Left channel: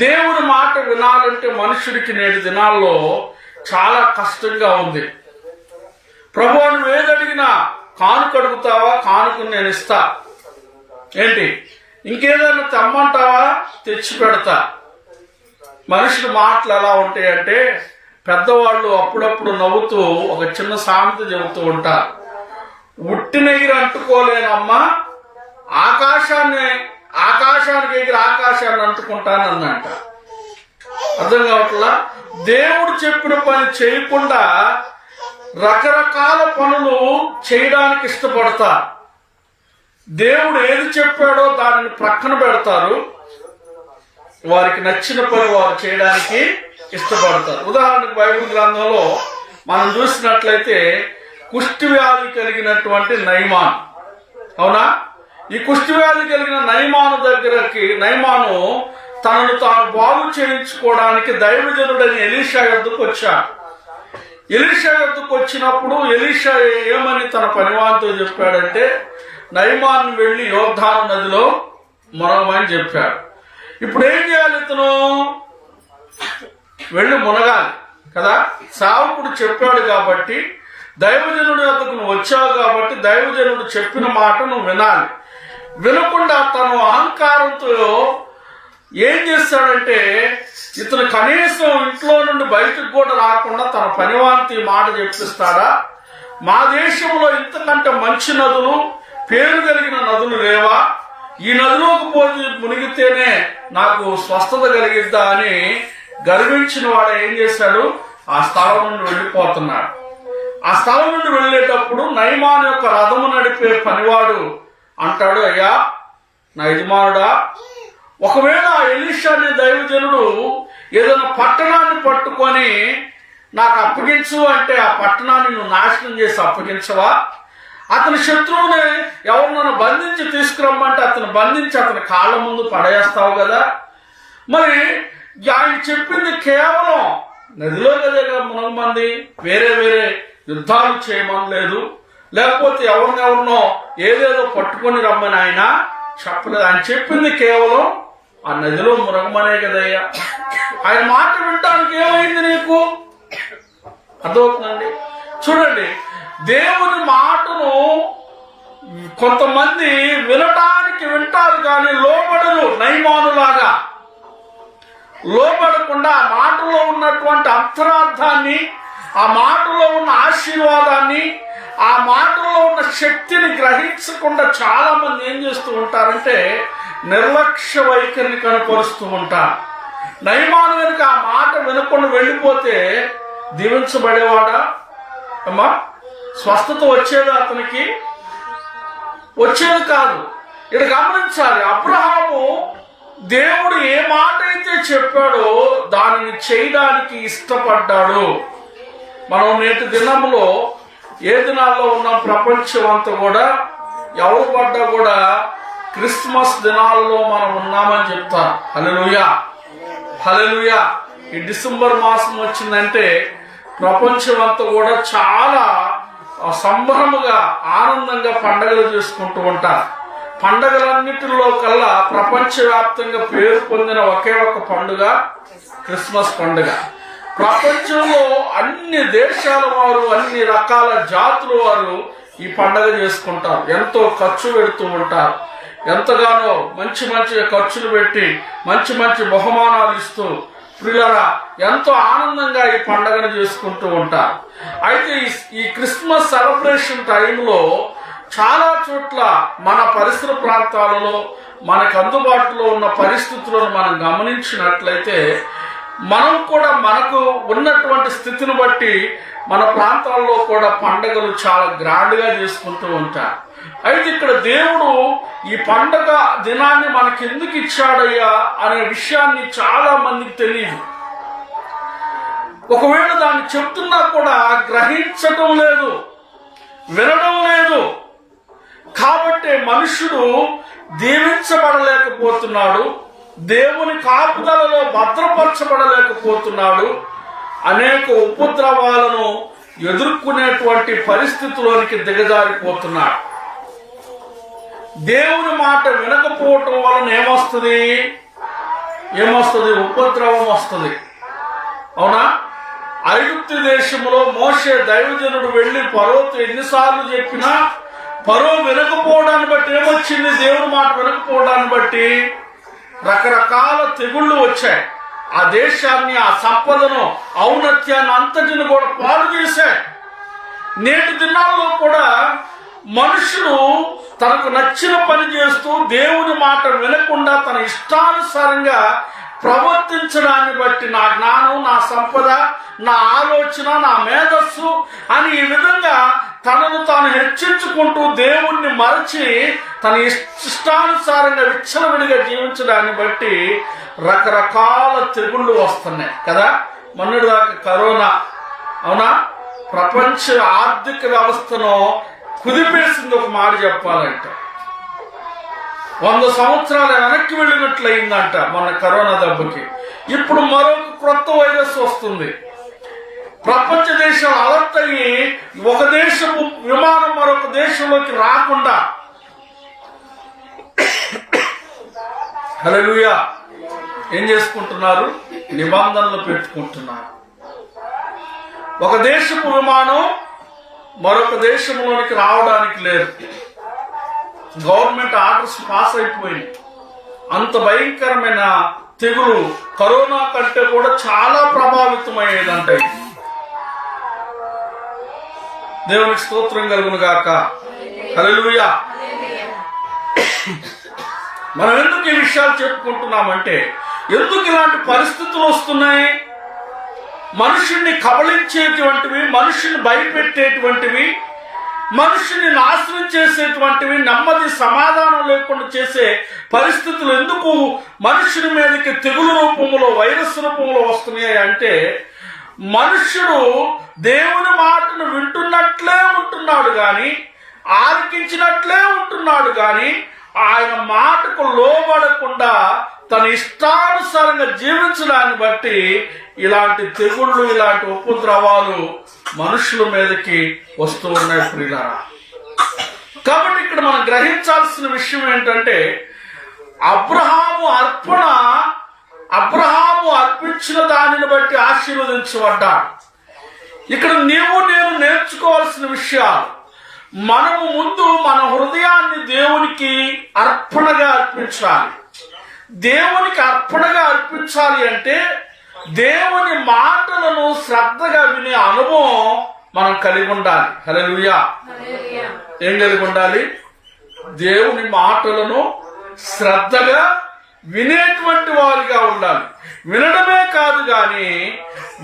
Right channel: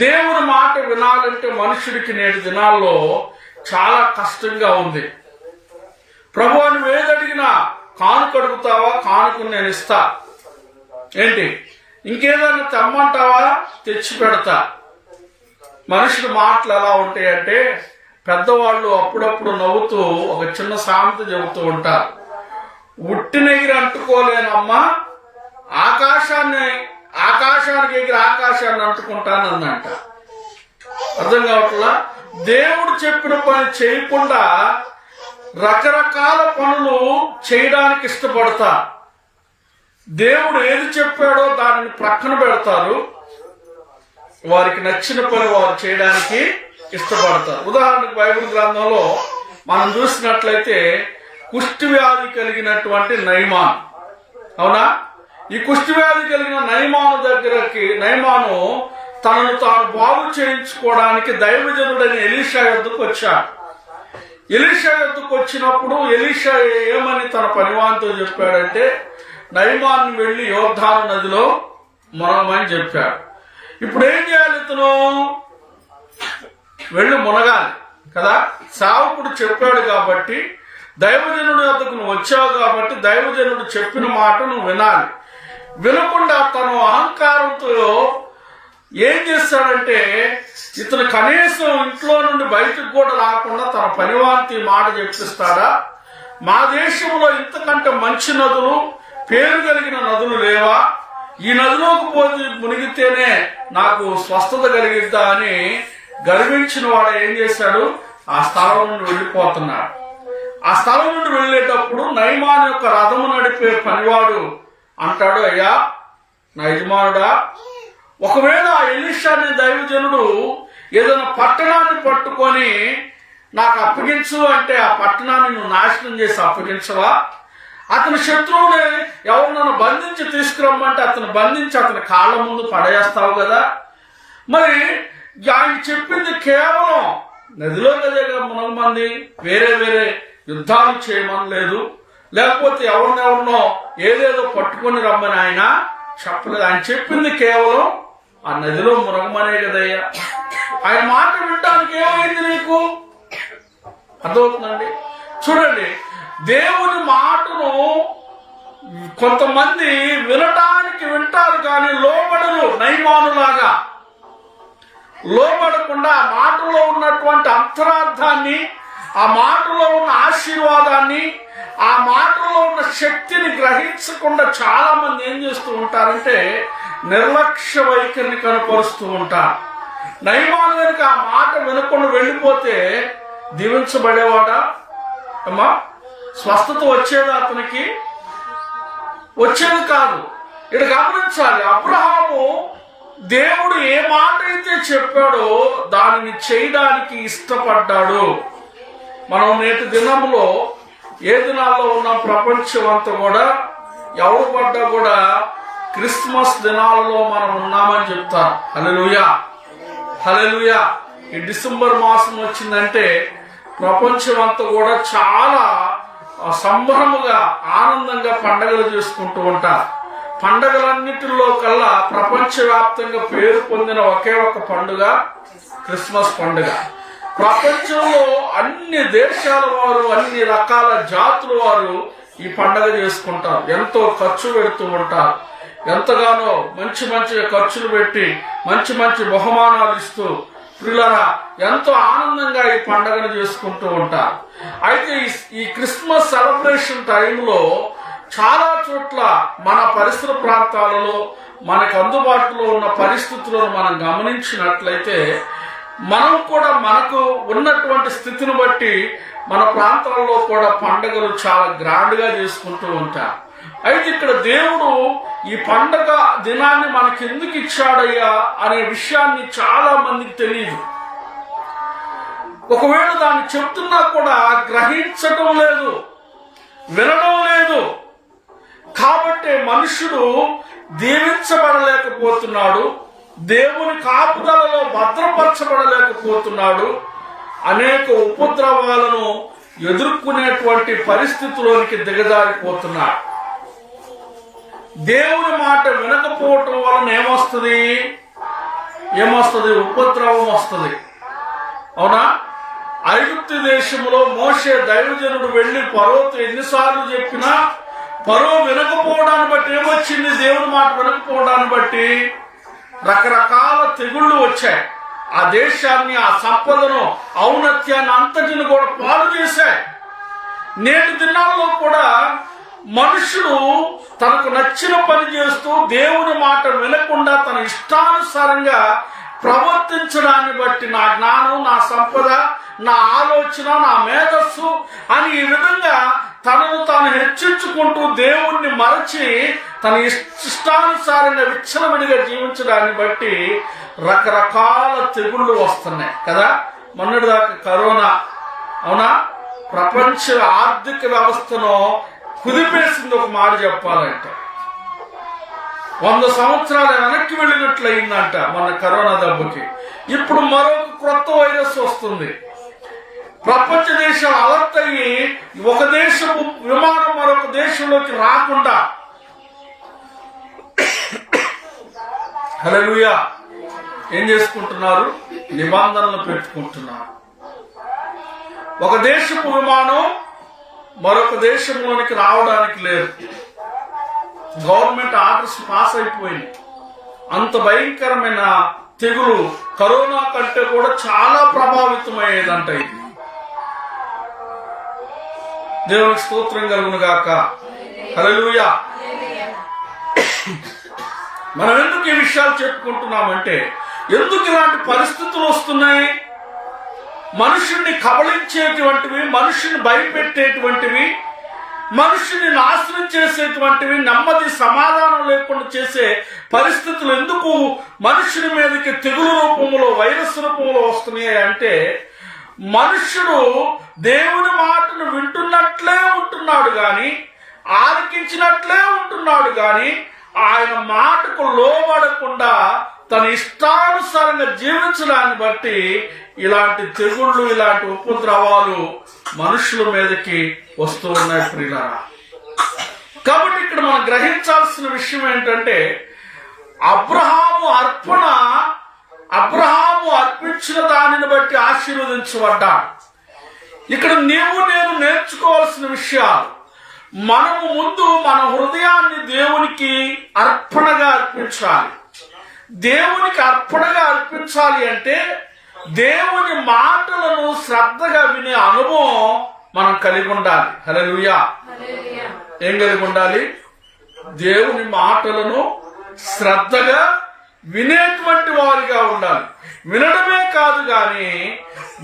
దేవుని మాట వినాలంటే మనుషుడికి నేటి దినాల్లో చాలా కష్టంగా ఉంది. ప్రభువా నువ్వు ఏదడిగినా కానుక అడుగుతావా, కానుకను నేను ఇస్తా, ఏంటి ఇంకేదన్నా తెమ్మంటావా, తెచ్చి పెడతా. మనుషుల మాటలు ఎలా ఉంటాయంటే పెద్దవాళ్ళు అప్పుడప్పుడు నవ్వుతూ ఒక చిన్న సామెత చెబుతూ ఉంటారు. ఉట్టినెగిరి అంటుకోలేనమ్మా ఆకాశానికి ఎగిరి ఆకాశాన్ని అంటుకుంటానందంట. అర్థం కావట్లా? దేవుడు చెప్పిన పని చేయకుండా రకరకాల పనులు చేయడానికి ఇష్టపడతా. దేవుడు ఏది చెప్పాడో దానిని ప్రక్కన పెడతారు, వారికి నచ్చిన పని వారు చేయడానికి ఇష్టపడతారు. ఉదాహరణకు బైబిల్ గ్రంథంలో మనం చూసినట్లయితే కుష్టి వ్యాధి కలిగినటువంటి నయమాను, అవునా? ఈ కుష్టి వ్యాధి కలిగిన నయమాను తనను తాను బాగు చేయించుకోవడానికి దైవజనుడైన ఎలీషా యొద్దకు వచ్చాడు. ఎలీషా యొద్దకు వచ్చినప్పుడు ఎలీషా ఏమని తన పనివానితో చెప్పాడంటే నయమాన్ని వెళ్లి యోర్దాను నదిలో మునగమని చెప్పాడు. ఇప్పుడు ఏం చేయాలి? ఇతను వెళ్లి మునగాలి కదా. సేవకుడు చెప్పాడు కాబట్టి, దైవజనుడి వద్దకు నువ్వు వచ్చావు కాబట్టి దైవజనుడు చెప్పిన మాట నువ్వు వినాలి. వినకుండా తను అహంకారంతో ఏం చేస్తాడంటే ఇతను కనీసం ఇంట్లో నుండి బయటకు కూడా రాకుండా తన పనివానికి మాట చెప్పిస్తాడా? మా దేశంలో ఇంతకంటే మంచి నదులు, పేరు కలిగిన నదులు లేవా? ఈ నదిలోకి పోయి మునిగితేనే నాకు స్వస్థత కలిగిద్దా అని గర్వించిన వాడు ఏం చేశాడు? ఆ స్థలం నుండి వెళ్లిపోతున్నాడు. ఆ స్థలం నుండి వెళ్లేటప్పుడు నయమాను యొక్క రథము నడిపే పనివాడు అంటాడు, అయ్యా నా యజమానుడా, ఒకవేళ ఆ ఎలీషాని దైవజనుడు ఏదైనా పట్టణాన్ని పట్టుకొని నాకు అప్పగించు అంటే ఆ పట్టణాన్ని నువ్వు నాశనం చేసి అప్పగించవా? అతని శత్రువుని ఎవరినైనా బంధించి తీసుకురమ్మంటే అతను బంధించి అతని కాళ్ళ ముందు పడేస్తావు కదా. మరి ఆయన చెప్పింది కేవలం నదిలో కదా మునగమంది, వేరే వేరే యుద్ధాలు చేయమని లేదు, లేకపోతే ఎవరినెవరినో ఏదేదో పట్టుకొని రమ్మని ఆయన చెప్పలేదు. ఆయన చెప్పింది కేవలం ఆ నదిలో మునగమనే కదయ్యా. ఆయన మాట వినడానికి ఏమైంది నీకు? అర్థమవుతుందండి? చూడండి, దేవుని మాటను కొంతమంది వినటానికి వింటారు కానీ లోబడరు. నయమానులాగా లోబడకుండా ఆ మాటలో ఉన్నటువంటి అంతరార్థాన్ని, ఆ మాటలో ఉన్న ఆశీర్వాదాన్ని, ఆ మాటలో ఉన్న శక్తిని గ్రహించకుండా చాలా మంది ఏం చేస్తూ ఉంటారంటే నిర్లక్ష్య వైఖరిని కనపరుస్తూ ఉంటారు. నయమాను కనుక ఆ మాట వినకుండా వెళ్ళిపోతే దీవించబడేవాడా అమ్మా? స్వస్థత వచ్చేది అతనికి? వచ్చేది కాదు. ఇక్కడ గమనించాలి, అబ్రహాము దేవుడు ఏ మాట అయితే చెప్పాడో దానిని చేయడానికి ఇష్టపడ్డాడు. మనం నేటి దినంలో ఏ దినాల్లో ఉన్న ప్రపంచం అంతా కూడా ఎవరు పడ్డా కూడా క్రిస్మస్ దినాలలో మనం ఉన్నామని చెప్తారు. హల్లెలూయా, హల్లెలూయా. ఈ డిసెంబర్ మాసం వచ్చిందంటే ప్రపంచం అంతా కూడా చాలా సంబరముగా ఆనందంగా పండగలు చేసుకుంటూ ఉంటారు. పండగలన్నిటిలో కల్లా ప్రపంచవ్యాప్తంగా పేరు పొందిన ఒకే ఒక పండుగ క్రిస్మస్ పండుగ. ప్రపంచంలో అన్ని దేశాల వారు, అన్ని రకాల జాతుల వారు ఈ పండుగ చేసుకుంటారు. ఎంతో ఖర్చు పెడుతూ ఉంటారు. ఎంతగానో మంచి మంచి ఖర్చులు పెట్టి మంచి మంచి బహుమానాలు ఇస్తూ పిల్లరా ఎంతో ఆనందంగా ఈ పండుగను చేసుకుంటూ ఉంటారు. అయితే ఈ క్రిస్మస్ సెలబ్రేషన్ టైంలో చాలా చోట్ల మన పరిసర ప్రాంతాలలో మనకు అందుబాటులో ఉన్న పరిస్థితులను మనం గమనించినట్లయితే మనం కూడా మనకు ఉన్నటువంటి స్థితిని బట్టి మన ప్రాంతాల్లో కూడా పండుగలు చాలా గ్రాండ్ గా చేసుకుంటూ ఉంటారు. అయితే ఇక్కడ దేవుడు ఈ పండుగ దినాన్ని మనకి ఎందుకు ఇచ్చాడయ్యా అనే విషయాన్ని చాలా మందికి తెలియదు. ఒకవేళ దాన్ని చెప్తున్నా కూడా గ్రహించడం లేదు, వినడం లేదు. కాబట్టి మనుషుడు దీవించబడలేకపోతున్నాడు, దేవుని కాపుదలలో భద్రపరచబడలేకపోతున్నాడు, అనేక ఉపద్రవాలను ఎదుర్కొనేటువంటి పరిస్థితిలోనికి దిగజారిపోతున్నాడు. దేవుని మాట వినకపోవటం వలన ఏమొస్తుంది? ఏమొస్తుంది? ఉపద్రవం వస్తుంది. అవునా? ఐగుప్తు దేశంలో మోషే దైవజనుడు వెళ్లి ఫరోతో ఎన్నిసార్లు చెప్పినా ఫరో వినకపోవడాన్ని బట్టి ఏమొచ్చింది? దేవుని మాట వినకపోవడాన్ని బట్టి రకరకాల తెగుళ్లు వచ్చాయి. ఆ దేశాన్ని, ఆ సంపదను, ఔన్నత్యాన్ని అంతటిని కూడా పాడు చేశాయి. నేటి దినాల్లో కూడా మనుషుడు తనకు నచ్చిన పని చేస్తూ దేవుని మాట వినకుండా తన ఇష్టానుసారంగా ప్రవర్తించడాన్ని బట్టి నా జ్ఞానం, నా సంపద, నా ఆలోచన, నా మేధస్సు అని ఈ విధంగా తనను తాను హెచ్చించుకుంటూ దేవుణ్ణి మరచి తన ఇష్టానుసారంగా విచ్చలవిడిగా జీవించడాన్ని బట్టి రకరకాల తెగుళ్లు వస్తున్నాయి కదా. మొన్నటిదాకా కరోనా, అవునా, ప్రపంచ ఆర్థిక వ్యవస్థను కుదిపేసింది. ఒక మాట చెప్పాలంటే 100 సంవత్సరాలు వెనక్కి వెళ్ళినట్లు అయిందంట మన కరోనా దెబ్బకి. ఇప్పుడు మరొక కొత్త వైరస్ వస్తుంది. ప్రపంచ దేశం అలర్ట్ అయ్యి ఒక దేశం విమానం మరొక దేశంలోకి రాకుండా హల్లెలూయా ఏం చేసుకుంటున్నారు? నిబంధనలు పెట్టుకుంటున్నారు. ఒక దేశపు విమానం మరొక దేశంలోనికి రావడానికి లేదు. గవర్నమెంట్ ఆర్డర్స్ పాస్ అయిపోయింది. అంత భయంకరమైన తెగులు కరోనా కంటే కూడా చాలా ప్రభావితమయ్యేదంట. ఇది దేవునికి స్తోత్రం కలుగును గాక. హల్లెలూయా. మనం ఎందుకు ఈ విషయాలు చెప్పుకుంటున్నామంటే, ఎందుకు ఇలాంటి పరిస్థితులు వస్తున్నాయి? మనుషుణ్ణి కబళించేటువంటివి, మనుషుని భయపెట్టేటువంటివి, మనుషుని నాశనం చేసేటువంటివి, నెమ్మది సమాధానం లేకుండా చేసే పరిస్థితులు ఎందుకు మనుషుని మీదకి తెగులు రూపంలో, వైరస్ రూపంలో వస్తున్నాయి అంటే, మనుష్యుడు దేవుని మాటను వింటున్నట్లే ఉంటున్నాడు గాని, ఆలకించినట్లే ఉంటున్నాడు గాని, ఆయన మాటకు లోబడకుండా తన ఇష్టానుసారంగా జీవించడాన్ని బట్టి ఇలాంటి తెగుళ్ళు, ఇలాంటి ఉపద్రవాలు మనుషుల మీదకి వస్తూ ఉన్నాయి ప్రియులారా. కాబట్టి ఇక్కడ మనం గ్రహించాల్సిన విషయం ఏంటంటే, అబ్రహాము అర్పించిన దానిని బట్టి ఆశీర్వదించబడ్డాడు. ఇక్కడ నీవు నేను నేర్చుకోవాల్సిన విషయాలు, మనము ముందు మన హృదయాన్ని దేవునికి అర్పణగా అర్పించాలి. దేవునికి అర్పణగా అర్పించాలి అంటే దేవుని మాటలను శ్రద్ధగా వినే అనుభవం మనం కలిగి ఉండాలి. హల్లెలూయా. ఏం కలిగి ఉండాలి? దేవుని మాటలను శ్రద్ధగా వినేటువంటి వారిగా ఉండాలి. వినడమే కాదు గాని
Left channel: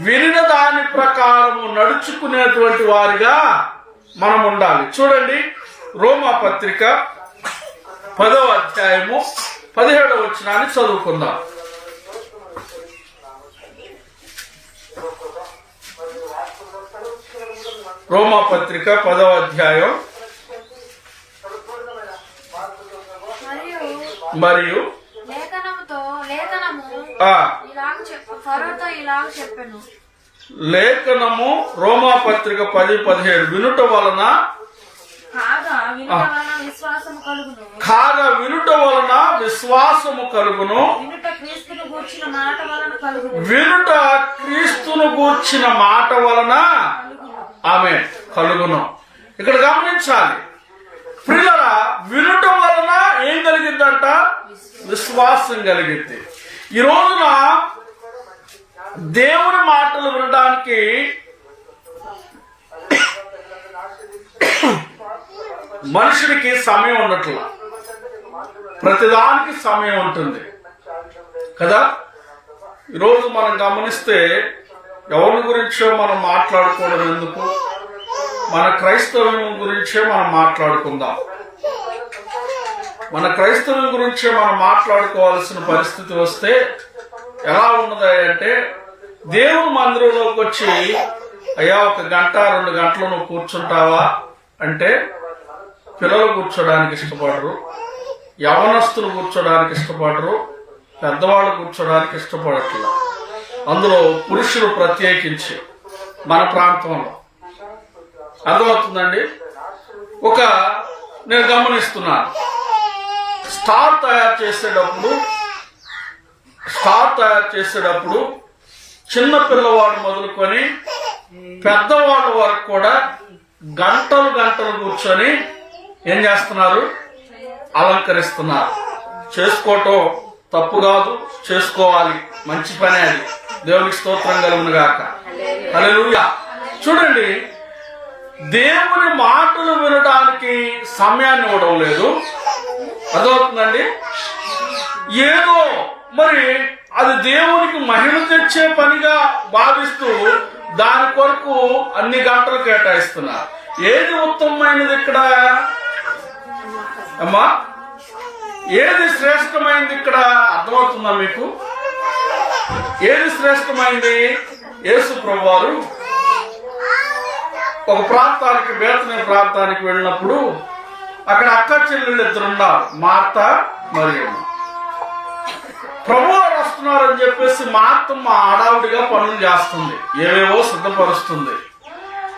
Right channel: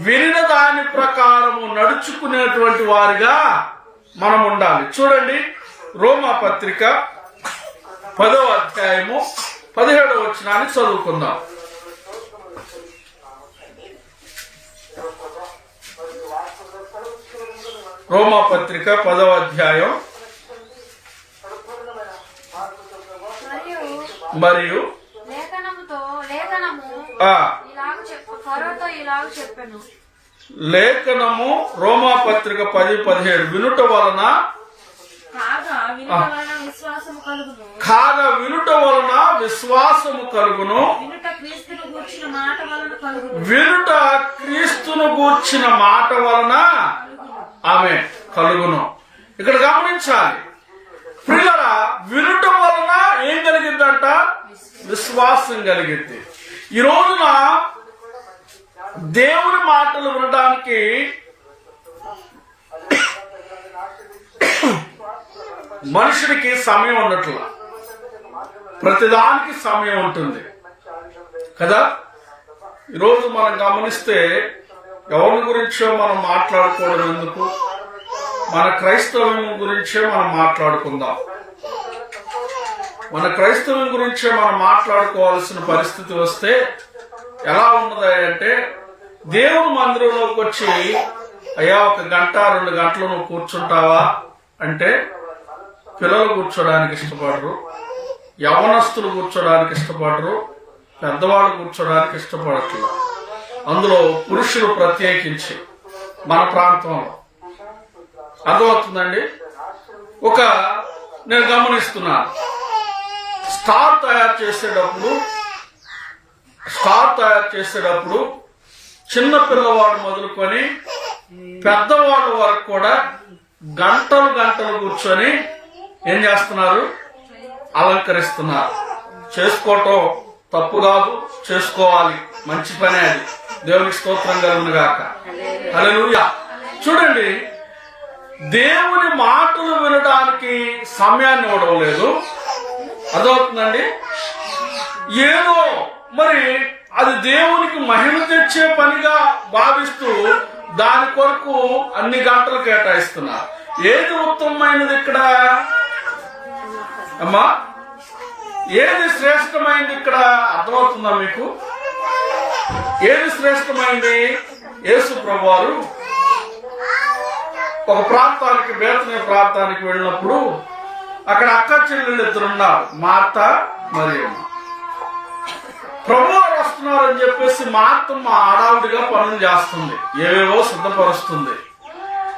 వినిన దాని ప్రకారము నడుచుకునేటువంటి వారిగా మనం ఉండాలి. చూడండి, రోమా పత్రిక 10వ అధ్యాయము 17వ వచనాన్ని చదువుకుందాం. రోమా పత్రిక 10వ అధ్యాయం మరియు లేఖనము రోమా పత్రిక 10:17 వినుట వలన వినుట వలన విశ్వాసము కలుగును, వినుట క్రీస్తును గూర్చిన మాట వలన ఆమె కలుగును. ఇక్కడ గమనించాలి ప్రియులారా, వినుట వలన ఏం కలిగిద్దంట? విశ్వాసం కలిగిద్ది. ఈ రోజున దేవుని మాటలు వినడానికి మనుషుడికి సమయం ఉండట్లా. ప్రతిదానికి సమయం ఉంటుంది కదా. ఈరోజు మనం గమనిస్తే ఎవరి గురించో మనం మాట్లాడుకోవడం ఎందుకు, మన క్రైస్తవం గురించే మనం మాట్లాడుకుందాం. మన క్రైస్తవం గురించే మనం మాట్లాడుకోవాల్సిన పరిస్థితి వస్తే ఎలా ఉన్నది అంటే, దేవుని మందిరంలోకి వచ్చి అయ్యా 1 గంట 2 గంటలు నువ్వు కూర్చుంటావా అంటే పిల్లలు కూర్చోడానికి ఇష్టపడరు, యవనస్తులు కూర్చోడానికి ఇష్టపడరు, పెద్దవాళ్ళు కూర్చోడానికి ఇష్టపడట్లేదు. అందులో పురుషులు ప్రత్యేకించి మన ప్రాంతంలో అర్థమవుతుందండి. నేను గమనిస్తున్నాను, స్టార్ తయారు చేసేటప్పుడు స్టార్ తయారు చేసేటప్పుడు చిన్న పిల్లవాడు మొదలుకొని పెద్దవాళ్ళ వరకు కూడా గంటలు గంటలు కూర్చొని ఏం చేస్తున్నారు? అలంకరిస్తున్నారు. చేసుకోవటం తప్పు కాదు, చేసుకోవాలి, మంచి పనే అది. దేవునికి స్తోత్రం కలుగును గాక. హల్లెలూయా. చూడండి, దేవుని మాటలు వినడానికి సమయాన్ని ఇవ్వడం లేదు. అదవుతుందండి. ఏదో మరి అది దేవునికి మహిమ తెచ్చే పనిగా భావిస్తూ దాని కొరకు అన్ని గంటలు కేటాయిస్తున్నారు. ఏది ఉత్తమమైనది ఇక్కడ అమ్మా? ఏది శ్రేష్టమైంది ఇక్కడ? అర్థమవుతుందా మీకు? ఏది శ్రేష్టమైంది? యేసు ప్రభువారు ఒక ప్రాంతానికి, బేతనీ ప్రాంతానికి వెళ్ళినప్పుడు అక్కడ అక్క చెల్లెళ్ళు ఇద్దరున్నారు, మార్త మరియమ్మ. ప్రభువారు వస్తున్నారని చెప్పేసి మార్తమ్మ ఆడావుడిగా పనులు చేస్తుంది, ఏవేవో సిద్ధపరుస్తుంది.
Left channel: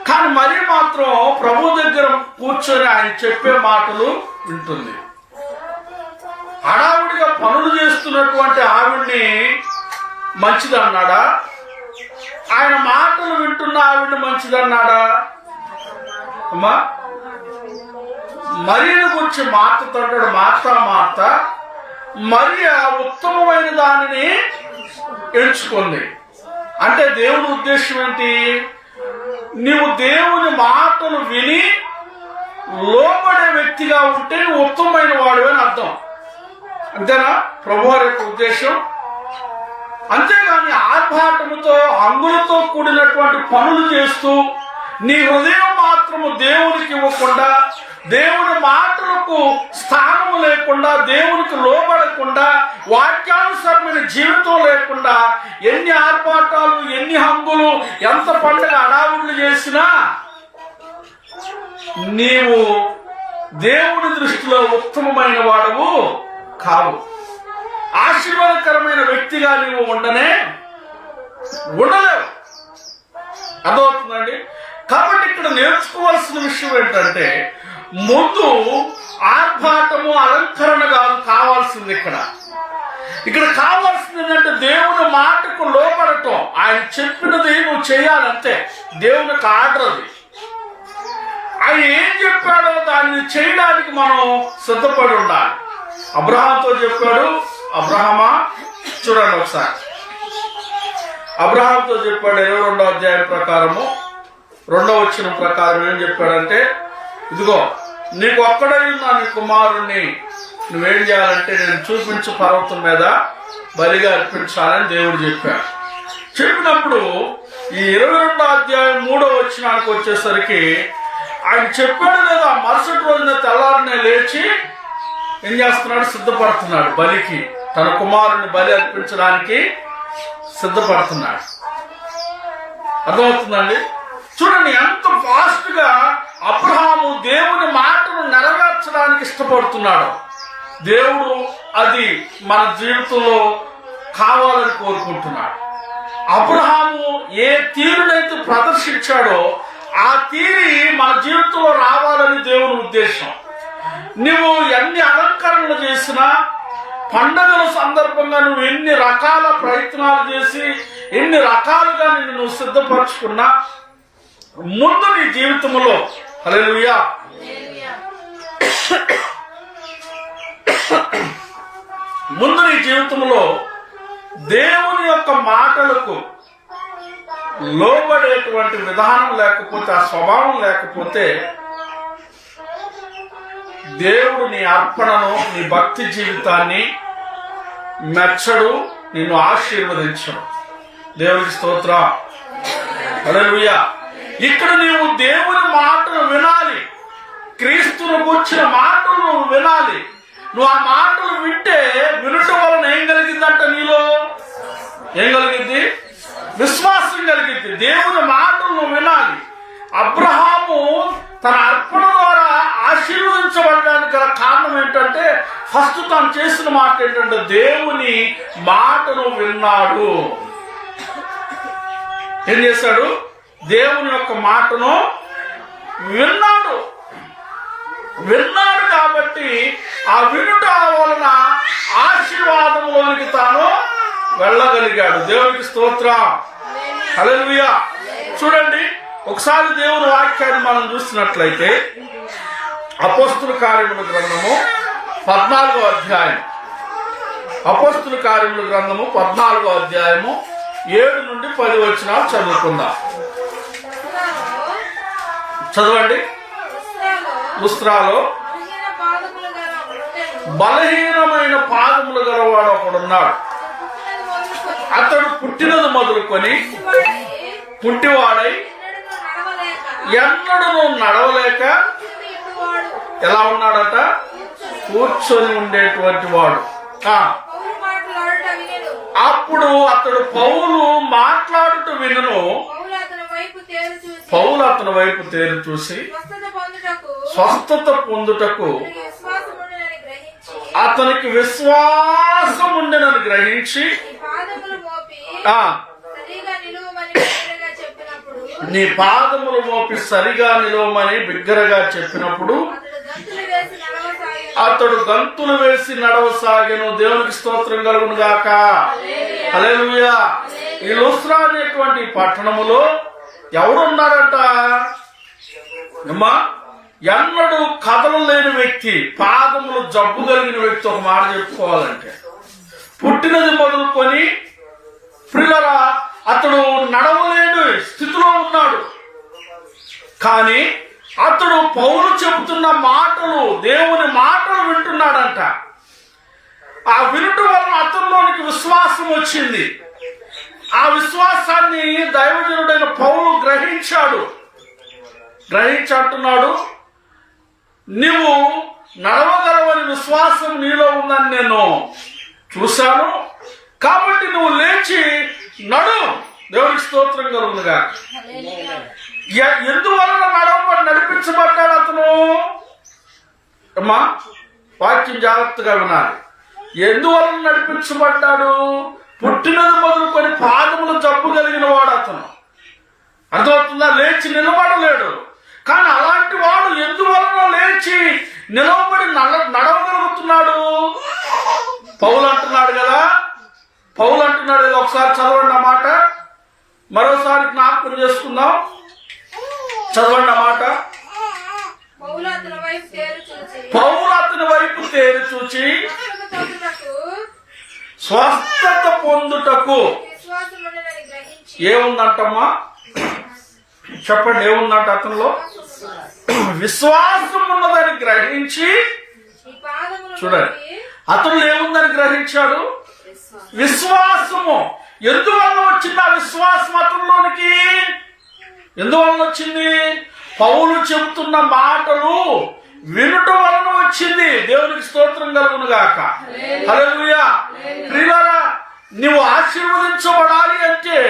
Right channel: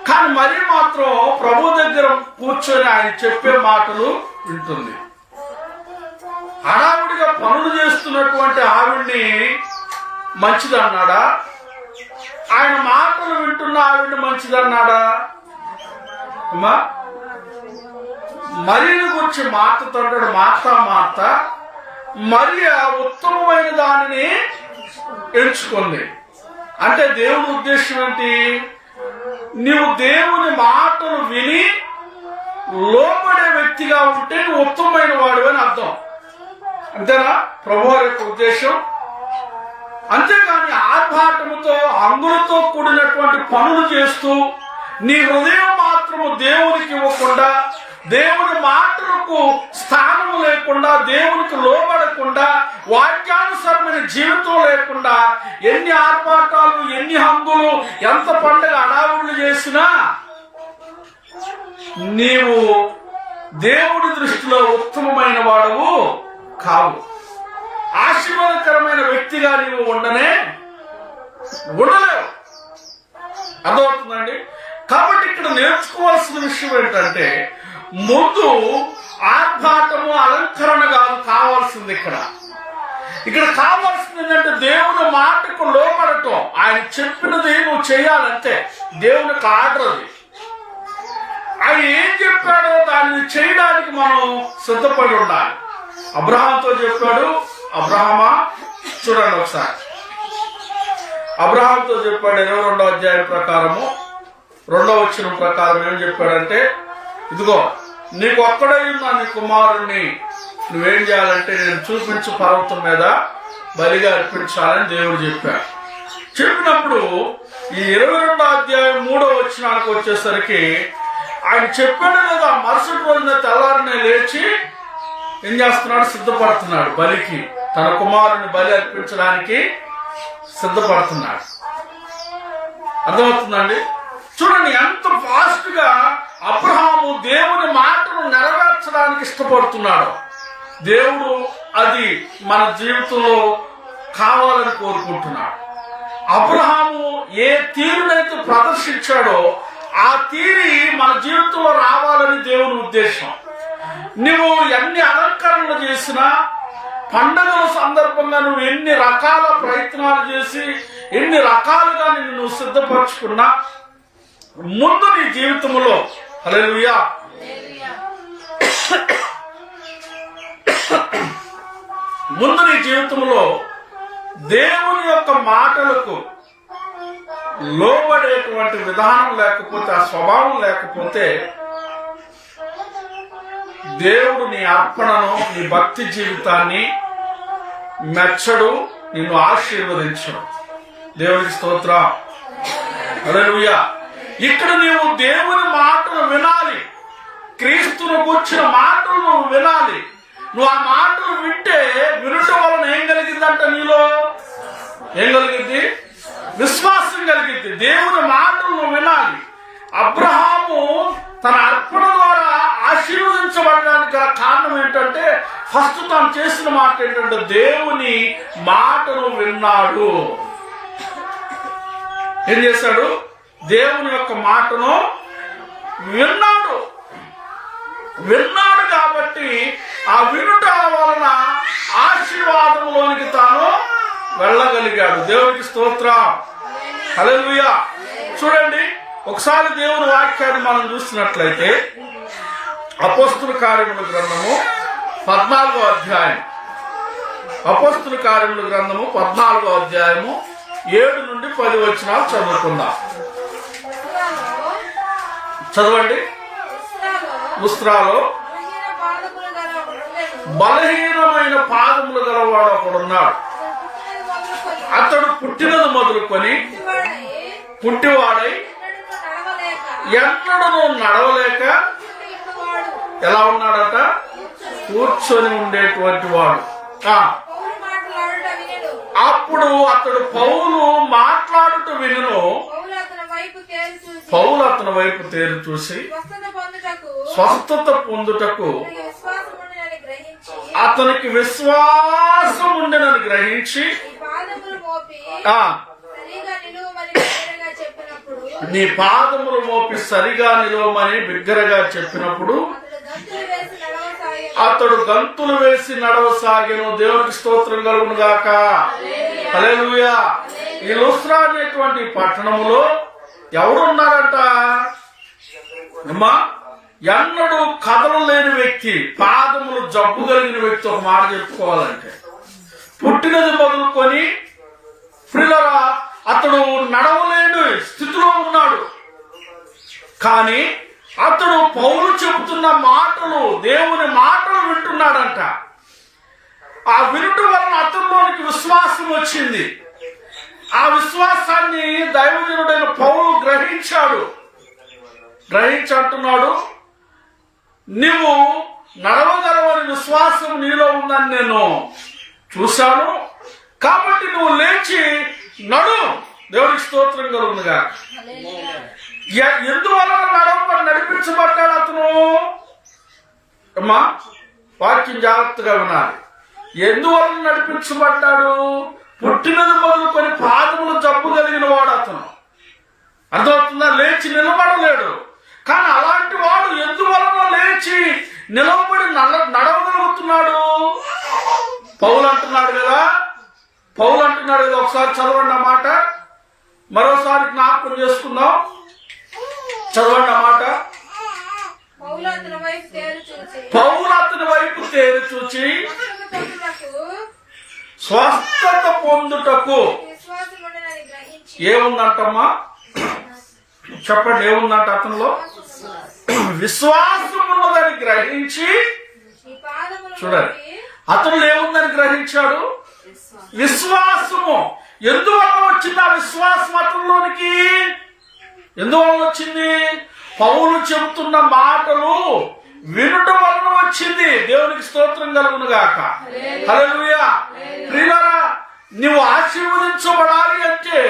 కానీ మరి మాత్రం ప్రభు దగ్గర కూర్చొని ఆయన చెప్పే మాటలు వింటుంది. హడావుడిగా పనులు చేస్తున్నటువంటి ఆవిడ్ని మంచిదన్నాడా? ఆయన మాటలు వింటున్న ఆవిడ్ని మంచిదన్నాడా? అమ్మా, మరియను గురించి మార్తతో అంటాడు, మార్త మరియ ఉత్తమమైన దానిని ఎంచుకుంది. అంటే దేవుని ఉద్దేశం ఏంటి? నీవు దేవుని మాటలు విని లోబడే వ్యక్తిగా ఉంటే నువ్వు ఉత్తమమైన వాడు అని అర్థం. అంతేనా ప్రభువారి యొక్క ఉద్దేశం? అంతేగాని ఆర్భాటముతో హంగులతో కూడినటువంటి పనులు చేస్తూ నీ హృదయం మాత్రము దేవునికి ఇవ్వకుండా, దేవుని మాటలకు స్థానము లేకుండా, దేవునికి లోబడకుండా, వాక్యానుసారమైన జీవితం లేకుండా ఎన్ని ఆర్భాటాలు, ఎన్ని హంగులు, ఎంత పండుగ అడావుళ్ళు చేసినా నీవు దేవుడి దృష్టిలో ఉత్తమమైన వాడవు కావు. ఆశీర్వాదకరమైన వ్యక్తిగా నీవు ఉండలేవు. అర్థమవుతుందండి? కాబట్టి ఇక్కడ నేర్చుకోవాల్సిన విషయం ఏంటంటే, ముందు ఆర్భాటము, అలంకరణ కాదు కావాల్సింది. ఇక్కడ కావాల్సింది ఏంటంటే దేవుని మాటకు లోపడటం. ఆయన చెప్పినది నువ్వు చేయాలంటే దేవునికి ఆర్డర్ అది. ఆయన ఏం చెప్పాడో దాన్ని చేయడానికి మనం సిద్ధపడి ఉండాలి. అబ్రహాంతో చెప్పాడు, అబ్రహామా చూడండి ఒకసారి, అబ్రహాంతో చెప్పాడు 22వ అధ్యాయం ప్రకారము 2వ వచనం ప్రకారం ఏం చెప్పాడంటే, ఇదిగో నీకు ఒక్కడై ఉన్న నీ కుమారుణ్ణి నువ్వేం చేయాలంటే నేను చూపించు పర్వతం మీద బలిగా అర్పించాలని దేవుడు చెప్పాడు. చెప్పినప్పుడు ఈ 22వ అధ్యాయం 3వ వచనానికి వచ్చేసరికి ఆయన చెప్పాడు లేదా, మరుసటి రోజున తెల్లారినే లేచి ఏం చేస్తున్నాడు? సిద్ధపడుతున్నాడు బలికి. తన కుమారుని బలి అర్పించడానికి సిద్ధపడుతున్నాడు. అర్థమవుతుందండి? చూడండి ఎంత ఫాస్ట్ గా అబ్రహాము దేవుని మాటను నెరవేర్చడానికి ఇష్టపడుతున్నాడు. దేవుడు అది మన జీవితంలో కావాలని కోరుకుంటున్నాడు. అబ్రహాము ఏ తీరునైతే ప్రదర్శించాడో ఆ తీరి మన జీవితంలో రావాలని దేవుని ఉద్దేశం. నువ్వు ఎన్ని అలంకరణలు చేసినా, పండగల సందర్భంగా నువ్వు ఎన్ని రకాల ప్రయత్నాలు చేసి, ఎన్ని రకాలుగా నువ్వు సిద్ధపరచుకున్నా, ముందు నీ జీవితంలో హల్లెలూయా ముందు నీ జీవితంలో దేవుని యొక్క మాటలకు లోబడేటువంటి విధానం లేకపోతే, ఆ స్వభావం లేకపోతే దేవుడు నీ అర్పణను, నీ భక్తి జీవితాన్ని మెచ్చడు, నిన్ను ఆశీర్వదించడు. దేవునికి స్తోత్రం. హల్లెలూయా. ఇక్కడ నీవు దేవుని మాటలు వినాలి, క్రీస్తును కూర్చిన మాటలు నువ్వు వినాలి. నువ్వు ఆ మాటలు వింటే వినటం వలన ఏం కలిగిందంట? నీలో ఏం కలిగింది? విశ్వాసం కలిగింది. దేవుని మాటలు నువ్వు వినాలి. అబ్రహాము తన అర్పణ ద్వారా ఆశీర్వదించబడడానికి గల కారణం ఏంటంటే, ఫస్ట్ తాను చేసిన మాట ఏంటంటే దేవుని మాటను విన్నాడు. ఏం చేశాడు? దేవుని యొక్క మాటను విన్నాడు. కాబట్టి ఆ వినుట వలన ఆశీర్వాదంలోనికి తాను వెళ్ళగలిగాడు. దేవునికి స్తోత్రం. హల్లెలూయా. చూడండి, ఒకసారి దేవుని వాక్యాన్ని మనం చూసినట్లయితే అపోస్తుల కార్యముల గ్రంథము 14వ అధ్యాయం, అపోస్తుల కార్యముల గ్రంథము 14వ అధ్యాయము 7 నుండి 10 వచనాలు చదువుకుందాం. చదవండి. లుస్త్రాలో బలహీనమైన పాదములు గలవాడు ఒకడున్నాడు. అతడు పుట్టినది మొదలుకొని పుట్టివాడై ఎన్నడూ నడవలేక ఎలా ఉన్నాడట? కూర్చొని ఉండేటువంటి వాడు. అప్పుడు అతడు పౌలు మాట్లాడుట వినును. పౌలు అతని వైపు తేరు చూసి స్వస్థత పొందుటకు అతనికి విశ్వాసం ఉండేనని గ్రహించి నీ పాదములు మోపి సరిగా నిలవమని బిగ్గరగా చెప్పినప్పుడు అతడు గంతులు వేసి నడవసాగెను. దేవునికి స్తోత్రం కలుగును గాక. హల్లెలూయా. ఈ లుస్త్రా అనేటువంటి పట్టణములో ఎవరున్నారంట? అమ్మా, ఎన్నడూ కదలలేని వ్యక్తి, పాదములు జబ్బు కలిగిన వ్యక్తి. ఒక మాట చెప్పుకోవాలంటే పుట్టినది మొదలుకొని ప్రియులారా అతడు నడవలేని స్థితిలో ఉన్నాడు. కానీ అతడు పౌలు చెబుతున్న మాటలు, దేవుని మాటలు వింటున్నాడంట. ఆ వినుట వలన అతనిలోనికి విశ్వాసం వచ్చింది. ఆ విశ్వాసాన్ని దైవజనుడైన పౌలు గ్రహించాడు. గ్రహించి అంటున్నాడు, నీవు నడవగలవని విశ్వాసం నీలో ఉందని నేను చూశాను, కాబట్టి నువ్వు లేచి నడు. దేవునికి స్తోత్రం కలుగునుగా. ఎందువలన నడిపించబడ్డాడు అతను? అమ్మా, వాక్యం జాగ్రత్తగా వినాలి. ఎందువలన నడిపించబడ్డాడు? పుట్టినది మొదలుకొని పాదములు జబ్బు కలిగిన వాడు అతను. అర్థమవుతుందా? లేచి నిలబడలేడు. కానీ అలాంటి వాడు ఎందువలన లేచి నిలవబడి నడవగలుగుతున్నాడు? పౌలు అంటున్నాడు కదా. ఒకసారి చదవండి ఆ మాట, మరోసారి జ్ఞాపకం చేసుకుందాం. చదవండి ఆ మాట. పౌలు అతని వైపు తేరి చూచి స్వస్థత పొందుటకు ఏముందంటమ్మా? చెప్పండి, ఏముందంట అతనిలో? విశ్వాసం ఉన్నదని గ్రహించి, చూడండి, అతను ఏముందని గ్రహించాడు? విశ్వాసము. ఎందువల్ల వచ్చింది ఆ విశ్వాసం అతనిలోనికి? ఎందువల్ల వచ్చింది? పౌలు చెబుతున్న మాటలు వినుట వలన వచ్చింది. దేవునికి స్తోత్రం కలుగును గాక. హల్లెలూయా. ప్రియులారా, నువ్వు ఆశీర్వదించబడాలి అంటే,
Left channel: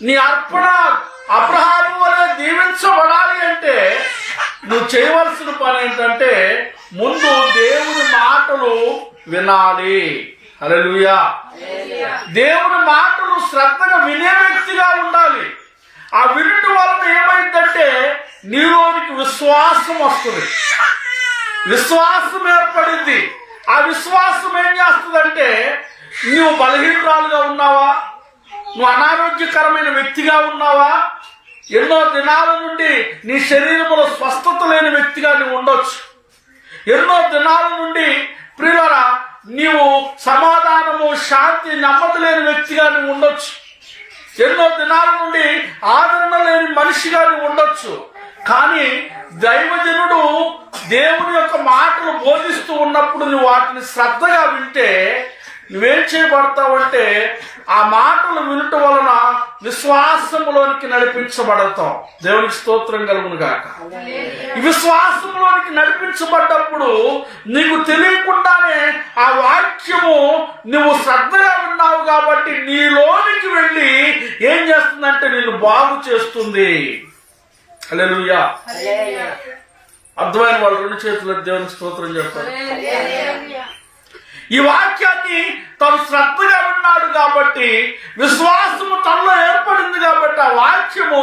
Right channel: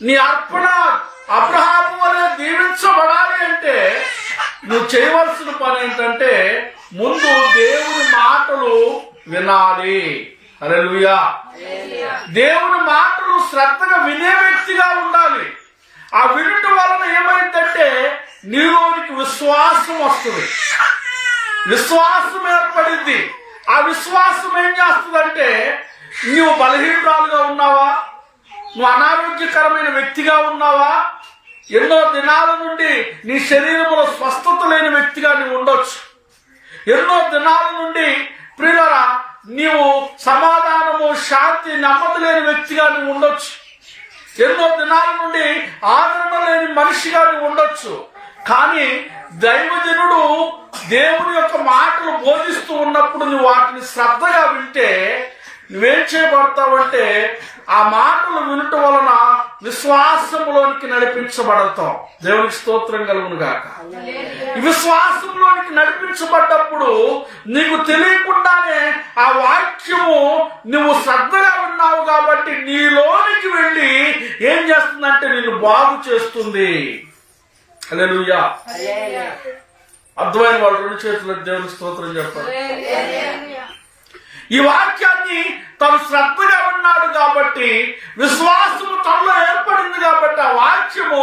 నీ అర్పణ అబ్రహాము వలె దీవించబడాలి అంటే నువ్వు చేయవలసిన పని ఏంటంటే ముందు దేవుని మాటలు వినాలి. హల్లెలూయా. దేవుని మాటలు శ్రద్ధగా వినే వ్యక్తిగా ఉండాలి. ఆ వినుట వలన ఏమైందంటే నీలోనికి విశ్వాసం వస్తుంది, విశ్వాసం ఏర్పడింది. ఆ విశ్వాసం ఏం చేస్తుందంటే, నువ్వు బలహీనురాలుగా ఉన్నావా, నువ్వు అనారోగ్యకరమైన వ్యక్తిగా ఉన్నావా, ఎన్నో దినాల నుండి నీ శరీరంలో స్వస్థత లేని వ్యక్తిగా నువ్వు ఉండొచ్చు, ఎన్నో దినాల నుండి ప్రియులారా నీవు సమాధానము శాంతి నెమ్మది లేని వ్యక్తిగా నువ్వు ఉండొచ్చు, ఎన్నో దినాల నుండి ఆదరణ లేని మనిషిగా నువ్వు ఉండొచ్చు. కానీ దైవజనుడు దేవుని యొక్క మాటలు బోధిస్తూ ఉన్నప్పుడు నువ్వు వాటిని శ్రద్ధగా వింటే నువ్వేం చేయబడతావంటే ఆ మాటలు వినుట వలన విశ్వాసములోనికి నడిపించబడతావు. దేవునికి స్తోత్రం కలుగును గాక. ఈ విశ్వాసంలోనికి నడిపించబడ్డప్పుడు నీకు తెలియకుండానే ఆ వాక్యము నువ్వు శ్రద్ధగా విన్నావు కాబట్టి నీలోనికి వెళ్ళి ఏం చేస్తుందంటే నిన్ను బాగు చేస్తుంది. హల్లెలూయా. అర్థమైన వాళ్ళు రెండు చేతులకు దేవునికి స్తోత్రం చెప్పారు. ఈ వాక్యాన్ని తను శ్రద్ధగా విన్నాడు కాబట్టి విశ్వాసము తనలో ఏర్పడింది కాబట్టి ఆ వాక్యము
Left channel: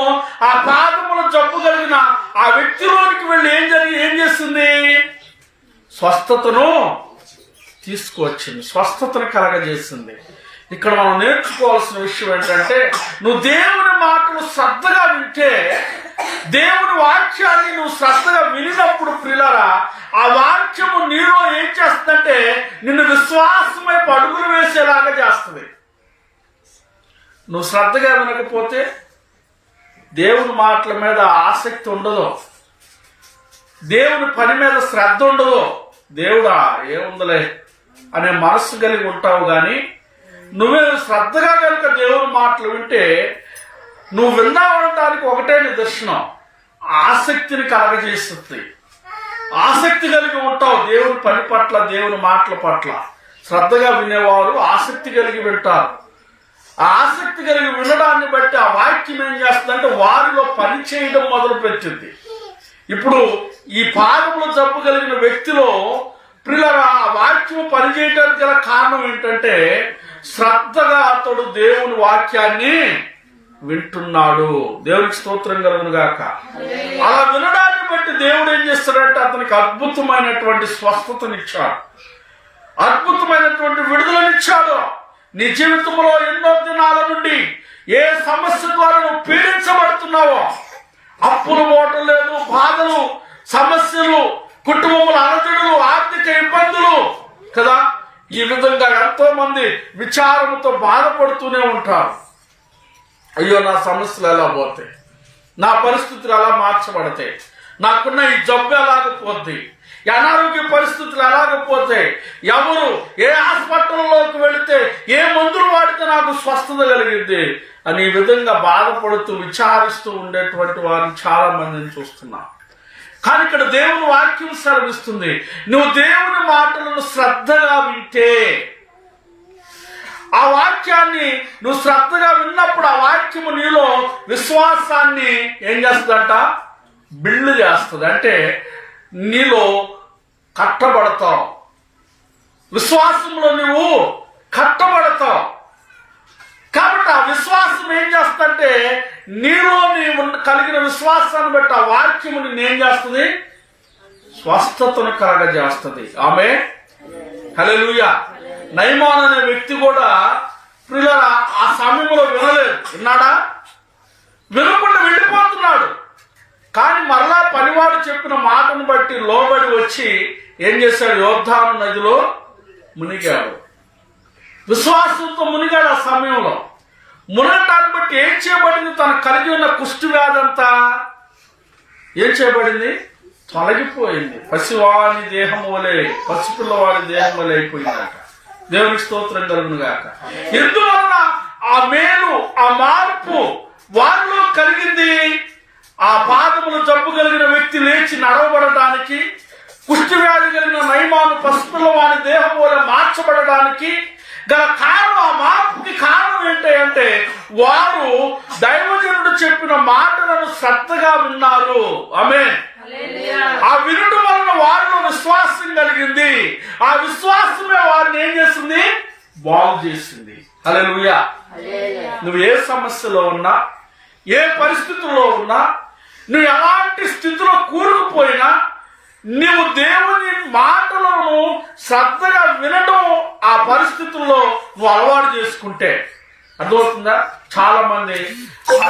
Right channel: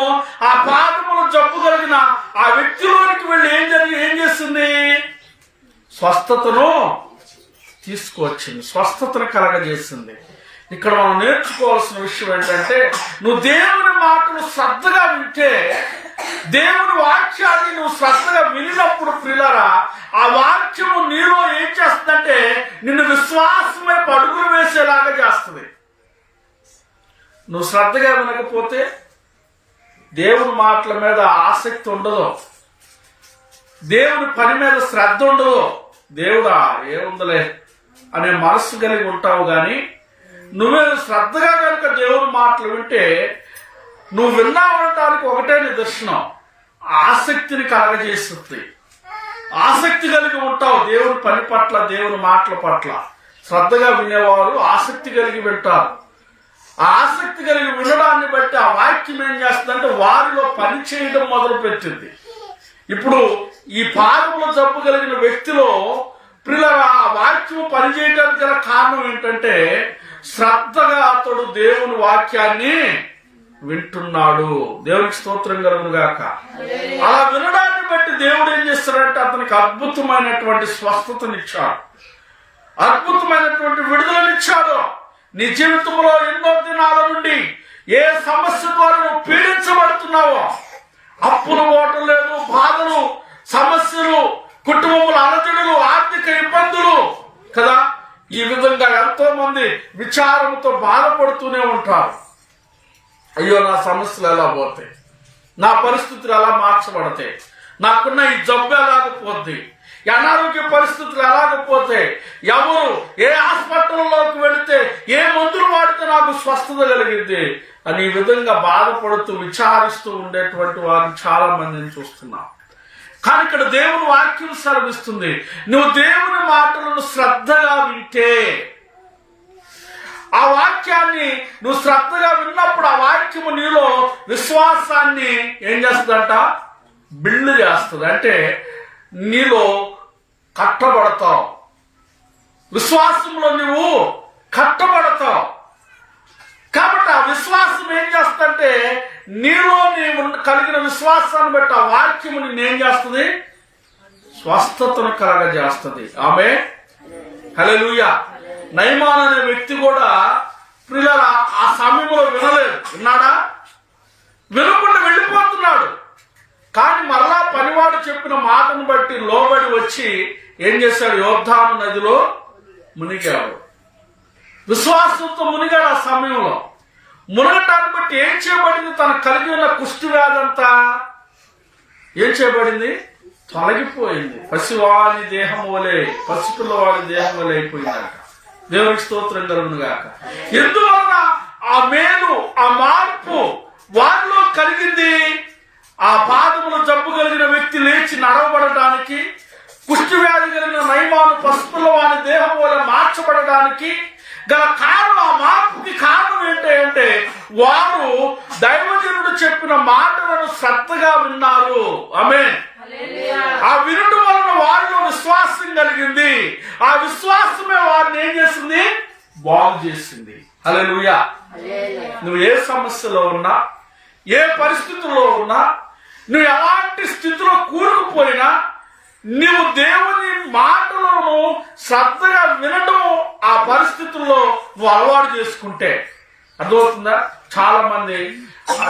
ఆ పాదముల జబ్బు కలిగిన ఆ వ్యక్తిలోనికి వెళ్ళి ఏం చేస్తుంది? స్వస్థతను తీసుకువచ్చింది, స్వస్థతను కలగజేసింది. ఇక్కడ మనం నేర్చుకోవాల్సిన విషయం ఏంటంటే, నువ్వు దేవుని మాటలు శ్రద్ధగా వింటే, దేవుని వాక్యాన్ని నువ్వు శ్రద్ధగా వినినప్పుడు ప్రియులారా, ఆ వాక్యము నీలో ఏం చేస్తుందంటే నిన్ను విశ్వాసమే పడుగులు వేసేలాగా చేస్తుంది. నువ్వు శ్రద్ధగా వినకపోతే దేవుని మాటల మీద ఆసక్తి ఉండదు, దేవుని పని మీద శ్రద్ధ ఉండదు. దేవుడా ఏముందలే అనే మనస్సు కలిగి ఉంటావు. కానీ నువ్వే శ్రద్ధగా కనుక దేవుని మాటలు వింటే, నువ్వు విన్నావనటానికి ఒకటే నిదర్శనం, ఆసక్తిని కలగజేస్తుంది. ఆసక్తి కలిగి ఉంటావు దేవుని పని పట్ల, దేవుని మాటల పట్ల. శ్రద్ధగా వినేవారు ఆసక్తి కలిగి వింటారు. ఆ ఆసక్తి కలిగి వినడాన్ని బట్టి ఆ వాక్యం ఏం చేస్తుందంటే వారిలో పని చేయడం మొదలు పెట్టింది. ఇప్పుడు ఈ పాదముల జబ్బు కలిగిన వ్యక్తిలో ప్రియులారా ఆ వాక్యం పనిచేయడానికి గల కారణం ఏంటంటే, శ్రద్ధగా అతడు దేవుని వాక్యాన్ని వింటున్నాడు. దేవునికి స్తోత్రం కలుగును గాక. అలా వినడాన్ని బట్టి దేవుడు ఏం చేస్తాడంటే అతనికి అద్భుతమైనటువంటి స్వస్థతనిచ్చాడు, అద్భుతమైనటువంటి విడుదలనిచ్చాడు. నీ జీవితంలో ఎన్నో దినాల నుండి ఏ సమస్య ద్వారా నువ్వు పీడించబడుతున్నావో, అప్పులు ఓటం లేదు, బాధలు, సమస్యలు, కుటుంబముల అలజడులు, ఆర్థిక ఇబ్బందులు కదా, ఈ విధంగా ఎంతో మంది విచారంతో బాధపడుతూనే ఉంటారు. అయ్యో నా సమస్యలు ఎలా పోతాయి, నా పరిస్థితులు ఎలా మార్చబడతాయి, నాకున్న ఈ జబ్బు ఎలాగపోద్ది, అనారోగ్య పరిస్థితులు ఎలాగపోతాయి, ఎవరు ఏ హాస్పిటల్లోకి వెళితే ఏ మందులు వాడితే నాకు స్వస్థత కలిగింది అని ఈ విధంగా బాధపడుతూ విచారిస్తూ ఉండేటువంటి వారిని చాలా మందిని చూస్తున్నాం. కానీ ఇక్కడ దేవుని వాక్యం సెలవిస్తుంది, నువ్వు దేవుని మాటలను శ్రద్ధగా వింటే, ఆ వాక్యాన్ని నువ్వు శ్రద్ధగా విన్నప్పుడు ఆ వాక్యము నీలో విశ్వాసాన్ని ఏం చేస్తుందంట, బిల్డ్ చేస్తుంది. అంటే నీలో కట్టబడతావు, విశ్వాసంలో నువ్వు కట్టబడతావు. కాబట్టి ఆ విశ్వాసం ఏం చేస్తుందంటే నీలో నీవు కలిగిన విశ్వాసాన్ని బట్టి ఆ వాక్యము నేనేం చేస్తుంది, స్వస్థతను కలగజేస్తుంది. ఆమె హల్లెలూయా. నయమాన్ అనే వ్యక్తి కూడా ప్రియులారా ఆ సమయంలో వినలేదు. విన్నాడా? వినకుండా వెళ్ళిపోతున్నాడు. కానీ మరలా పనివాడు చెప్పిన మాటను బట్టి లోబడి వచ్చి ఏం చేశాడు, యోర్దాను నదిలో మునిగాడు. విశ్వాసంతో మునిగాడు. ఆ సమయంలో మునగటాన్ని బట్టి ఏం చేయబడింది, తనకు కలిగి ఉన్న కుష్టి వ్యాధంతా ఏం చేయబడింది, తొలగిపోయింది. పసివాని దేహం వలె, పసిపిల్లవాడి దేహం వలె అయిపోయిందట. దేవునికి స్తోత్రం కలుగును గాక. ఎందువలన ఆ మేలు, ఆ మార్పు వారిలో కలిగింది. ఆ పాదములు జబ్బు కలిగిన వ్యక్తి లేచి నడవబడడానికి, కుష్టి వ్యాధి కలిగిన నయమాను పసిపిల్లవాని దేహం వలె మార్చబడడానికి గల కారణం, ఆ మార్పుకి కారణం ఏంటంటే వారు దైవజనుడు చెప్పిన మాటలను శ్రద్ధగా విన్నారు. ఆమేన్. ఆ వినుడు వలన వారిలో విశ్వాసం కలిగింది. ఆ విశ్వాసమే వారిని ఏం చేసింది, బాగు చేసింది. హల్లెలూయా. నువ్వు ఏ సమస్యలో ఉన్నా, ఏ పరిస్థితుల్లో ఉన్నా, నువ్వు ఎలాంటి స్థితిలో కూరుకుపోయినా, నీవు దేవుని మాటలను శ్రద్ధగా వినడం ఆ పరిస్థితుల్లో నువ్వు అలవాటు చేసుకుంటే, అర్థమవుతుందా? చాలా మంది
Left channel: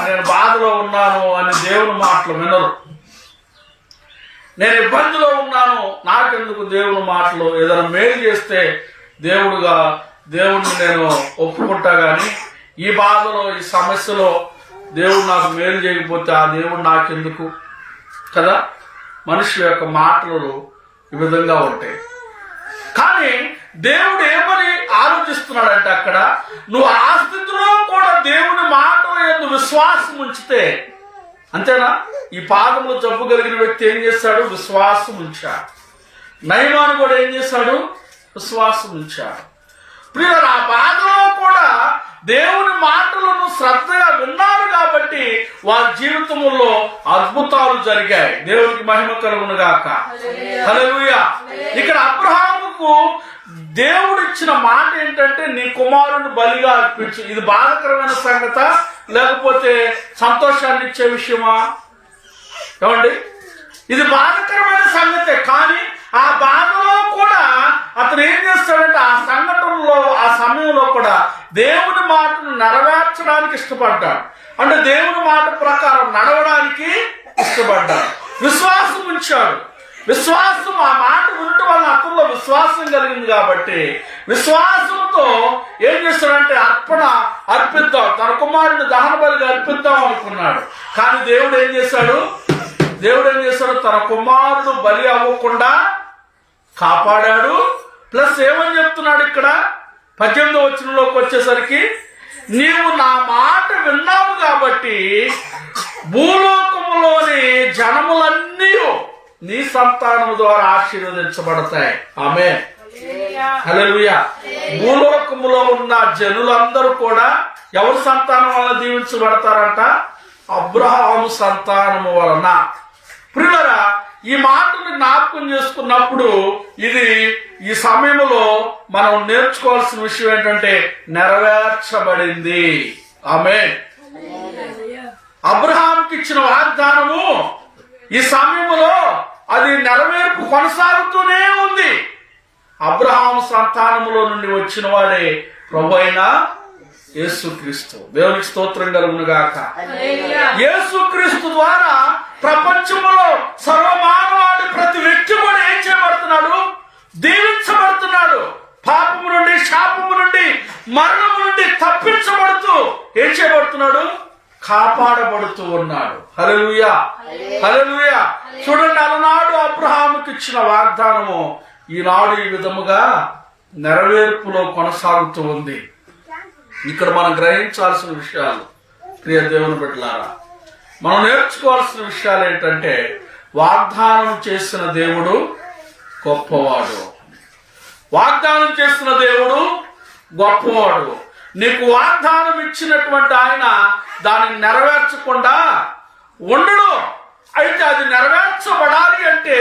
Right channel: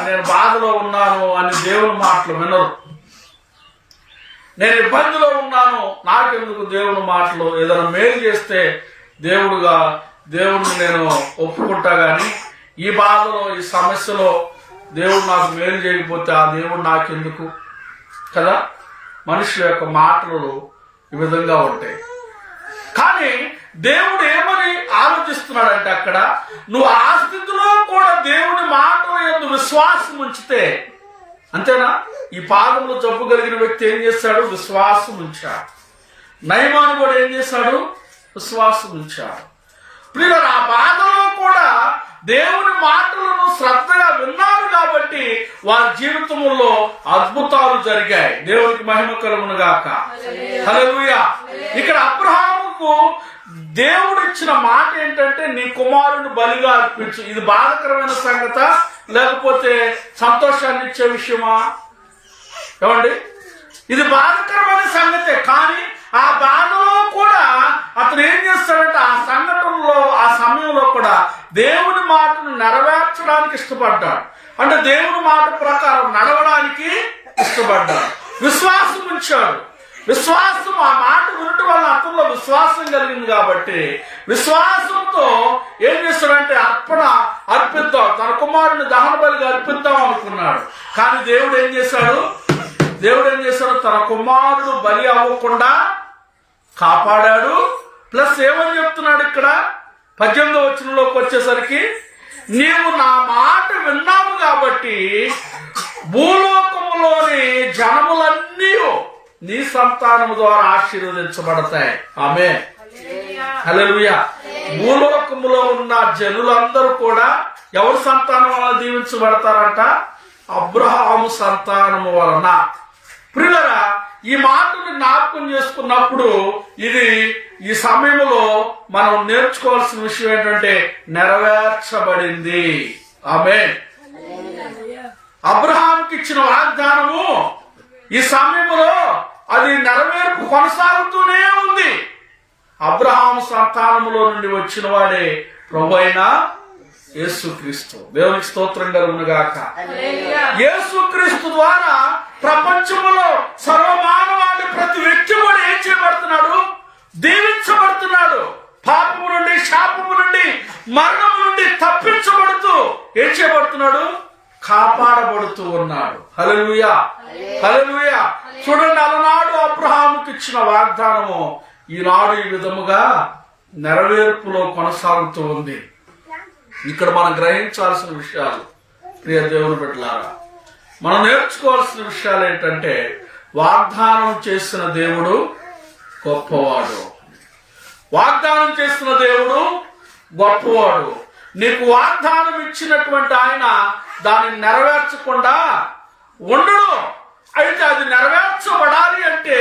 నేను బాధలో ఉన్నాను అని దేవుని మాటలు వినరు. నేను ఇబ్బందిలో ఉన్నాను, నాకెందుకు దేవుని మాటలు, ఏదైనా మేలు చేస్తే దేవుడిని నేను ఒప్పుకుంటా, గాని ఈ బాధలో, ఈ సమస్యలో దేవుడు నాకు మేలు చేయకపోతే ఆ దేవుడు నాకెందుకు కదా. మనుషుల యొక్క మాటలు ఈ విధంగా ఉంటాయి. కానీ దేవుడు ఏమని ఆలోచిస్తున్నాడంటే అక్కడ, నువ్వు ఆ స్థితిలో కూడా దేవుని మాటల యందు విశ్వాసం ఉంచితే, అంతేనా? ఈ పాదములో జబ్బు కలిగిన వ్యక్తి ఏం చేశాడు, విశ్వాసం ఉంచాడు. నయమాను కూడా ఏం చేశాడు, విశ్వాసం ఉంచాడు. ప్రియులారా, ఆ బాధలో కూడా దేవుని మాటలను శ్రద్ధగా విన్నారు కాబట్టి వారి జీవితంలో అద్భుతాలు జరిగాయి. దేవునికి మహిమ కలుగును గాక. హల్లెలూయా. ఇక్కడ అబ్రహాముకు దేవుడు ఇచ్చిన మాట ఏంటంటే, నీ కుమారుని బలిగా అర్పించు. ఇది బాధకరమైన సంగత లేకపోతే సంతోషాన్ని ఇచ్చే విషయమా? ఏమండి? ఇది బాధకరమైన సంగతే. కానీ ఆ బాధలో కూడా అతను ఏం చేస్తాడంటే ఆ సంఘటనలో ఆ సమయంలో కూడా దేవుని మాటను నెరవేర్చడానికి ఇష్టపడ్డాడు. అంటే దేవుని మాట ప్రకారం నడవడానికి ఇష్టపడ్డాడు. విశ్వాసం ఉంచాడు. విశ్వాసం, ఆ మాట వినటం వల్ల అతనిలో విశ్వాసం కలిగింది కాబట్టి విశ్వాసంతో ఏం చేస్తాడంటే అర్పిద్దాం, తన కుమారుని దహన బలిగా అర్పిద్దాం అనుకున్నాడు. కానీ దేవుడు ఏం చేశాడు? తన కుమారుడు బలి అవ్వకుండా కాపాడాడు. ప్లస్ ఏమని చెప్తున్నాడు ఇక్కడ 18వ వచనంలోకి వచ్చేసరికి, నీవు నా మాట విన్నావు కాబట్టి భూలోకములోని జనములన్నీ నీ సంతానము ద్వారా ఆశీర్వదించబడతాయి. ఆమేన్, హల్లెలూయా. భూలోకములో ఉన్న జనులందరూ కూడా ఎవరి సంతానం వలన దీవించబడతారంట? అబ్రహాము సంతానము వలన. ప్రియులారా, ఈ మాటను జ్ఞాపకం చేసుకున్నప్పుడు ఈ సమయంలో మనం నేర్చుకోవాల్సిన విషయం ఏంటంటే నెరవేర్చబడింది. ఆమేన్. అబ్రహాంకి ఇచ్చిన వాగ్దానము ఈ సమయంలో అది నెరవేర్పు కొనసాగుతూనే ఉంది. అబ్రహాము సంతానములో నుండి వచ్చిన వాడే ప్రభువైన యేసుక్రీస్తు. దేవునికి స్తోత్రం కలుగును గాక. యేసుక్రీస్తు ద్వారా ప్రపంచంలో సర్వమానవాడి ప్రతి వ్యక్తి కూడా ఏం చేయబడుతున్నాడు? దీవించబడుతున్నాడు. పాపము నుండి, శాపము నుండి, మరణము నుండి తప్పించబడుతూ ఏం చేయబడుతున్నాడు? కాపాడబడుతూ ఉన్నాడు. హల్లెలూయా, హల్లెలూయా. చూడండి, అలనాడు అబ్రహాముకి ఇచ్చిన వాగ్దానము ఈనాడు ఈ విధముగా నెరవేర్పులో కొనసాగుతూ ఉంది. ఇక్కడ మనం గ్రహించాల్సిన విషయాలు, ప్రియ దేవుని బిడ్డలారా, మనం నేర్చుకోవాల్సిన విషయాలు ఏంటంటే వాగ్దానం చేసిన దేవుడు గొప్పవాడు. వాగ్దానం చేసిన దేవుడు గొప్పవాడు. నీకు వాగ్దానం ఇచ్చినటువంటి ఆయన దానిని నెరవేర్చకుండా ఉండడు. అయితే అది నెరవేర్చబడాలి అంటే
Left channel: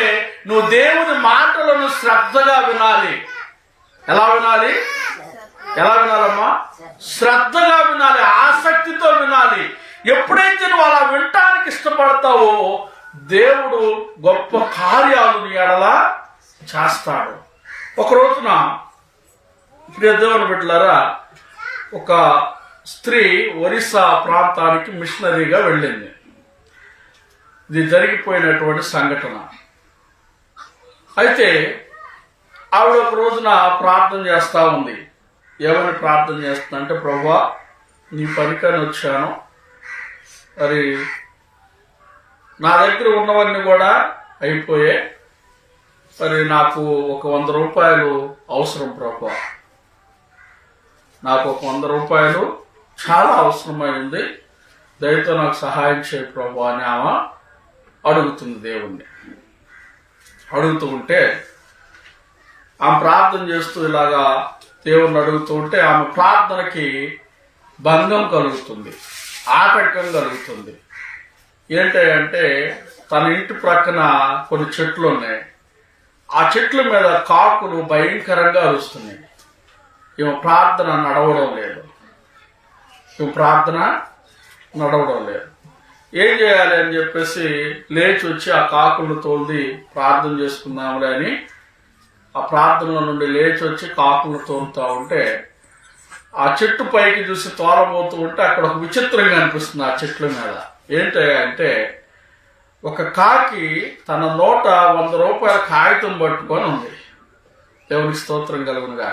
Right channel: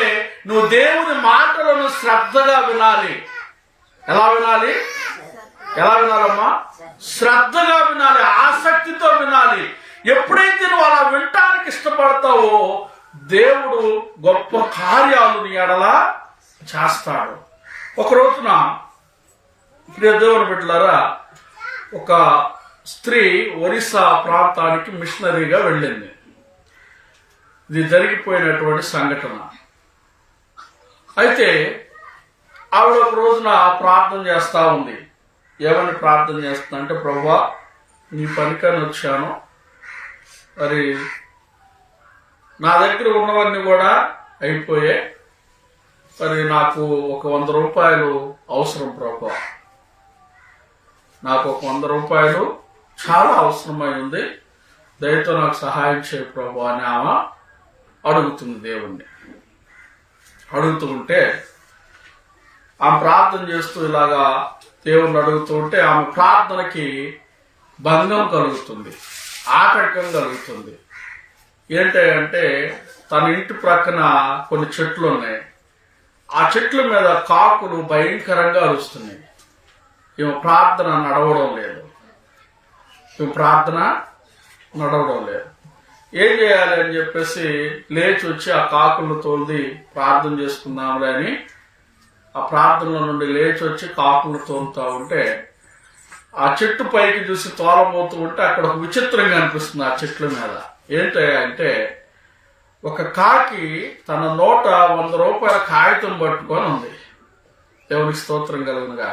నువ్వు దేవుని మాటలను శ్రద్ధగా వినాలి. ఎలా వినాలమ్మా? శ్రద్ధగా వినాలి, ఆసక్తితో వినాలి. ఎప్పుడైతే నువ్వు అలా వినటానికి ఇష్టపడతావో దేవుడు గొప్ప కార్యాలు నీ ఎడల చేస్తాడు. ఒక రోజున ప్రియ దేవుని బిడ్డలారా, ఒక స్త్రీ ఒరిస్సా ప్రాంతానికి మిషనరీగా వెళ్ళింది. ఇది జరిగిపోయినటువంటి సంఘటన. అయితే ఆవిడ ఒక రోజున ప్రార్థన చేస్తా ఉంది. ఏమని ప్రార్థన చేస్తుందంటే, ప్రభువా, నీ పనికని వచ్చాను, మరి నా దగ్గర ఉన్నవన్నీ కూడా అయిపోయాయి, మరి నాకు ఒక 100 రూపాయలు అవసరం ప్రభువా, నాకు ఒక 100 రూపాయలు చాలా అవసరమై ఉంది, దయతో నాకు సహాయం చేయ ప్రభువా అని ఆమె అడుగుతుంది. దేవుణ్ణి అడుగుతూ ఉంటే, ఆమె ప్రార్థన చేస్తూ ఇలాగా దేవుణ్ణి అడుగుతూ ఉంటే ఆమె ప్రార్థనకి భంగం కలుగుతుంది, ఆటంకం కలుగుతుంది. ఏంటంటే తన ఇంటి ప్రక్కన కొన్ని చెట్లు ఉన్నాయి. ఆ చెట్ల మీద కాకులు భయంకరంగా అరుస్తున్నాయి. ఈమె ప్రార్థన నడవడం లేదు. ఏం చేయాలి అని చెప్పేసి లేచి వచ్చి ఆ కాకులను తోలి ప్రార్థన చేసుకుందాంలే అని ఆ ప్రార్థనల నుండి లేచి వచ్చి కాకులను తోలుతా ఉంటే ఆ చెట్టు పైకి చూసి తోలబోతూ ఉంటే అక్కడ ఒక విచిత్రంగా అనిపిస్తుంది. ఆ చెట్ల మీద ఏంటంటే ఒక కాకి తన నోట 100 రూపాయల కాగితం పట్టుకొని ఉంది. దేవునికి స్తోత్రం కలుగునుగా.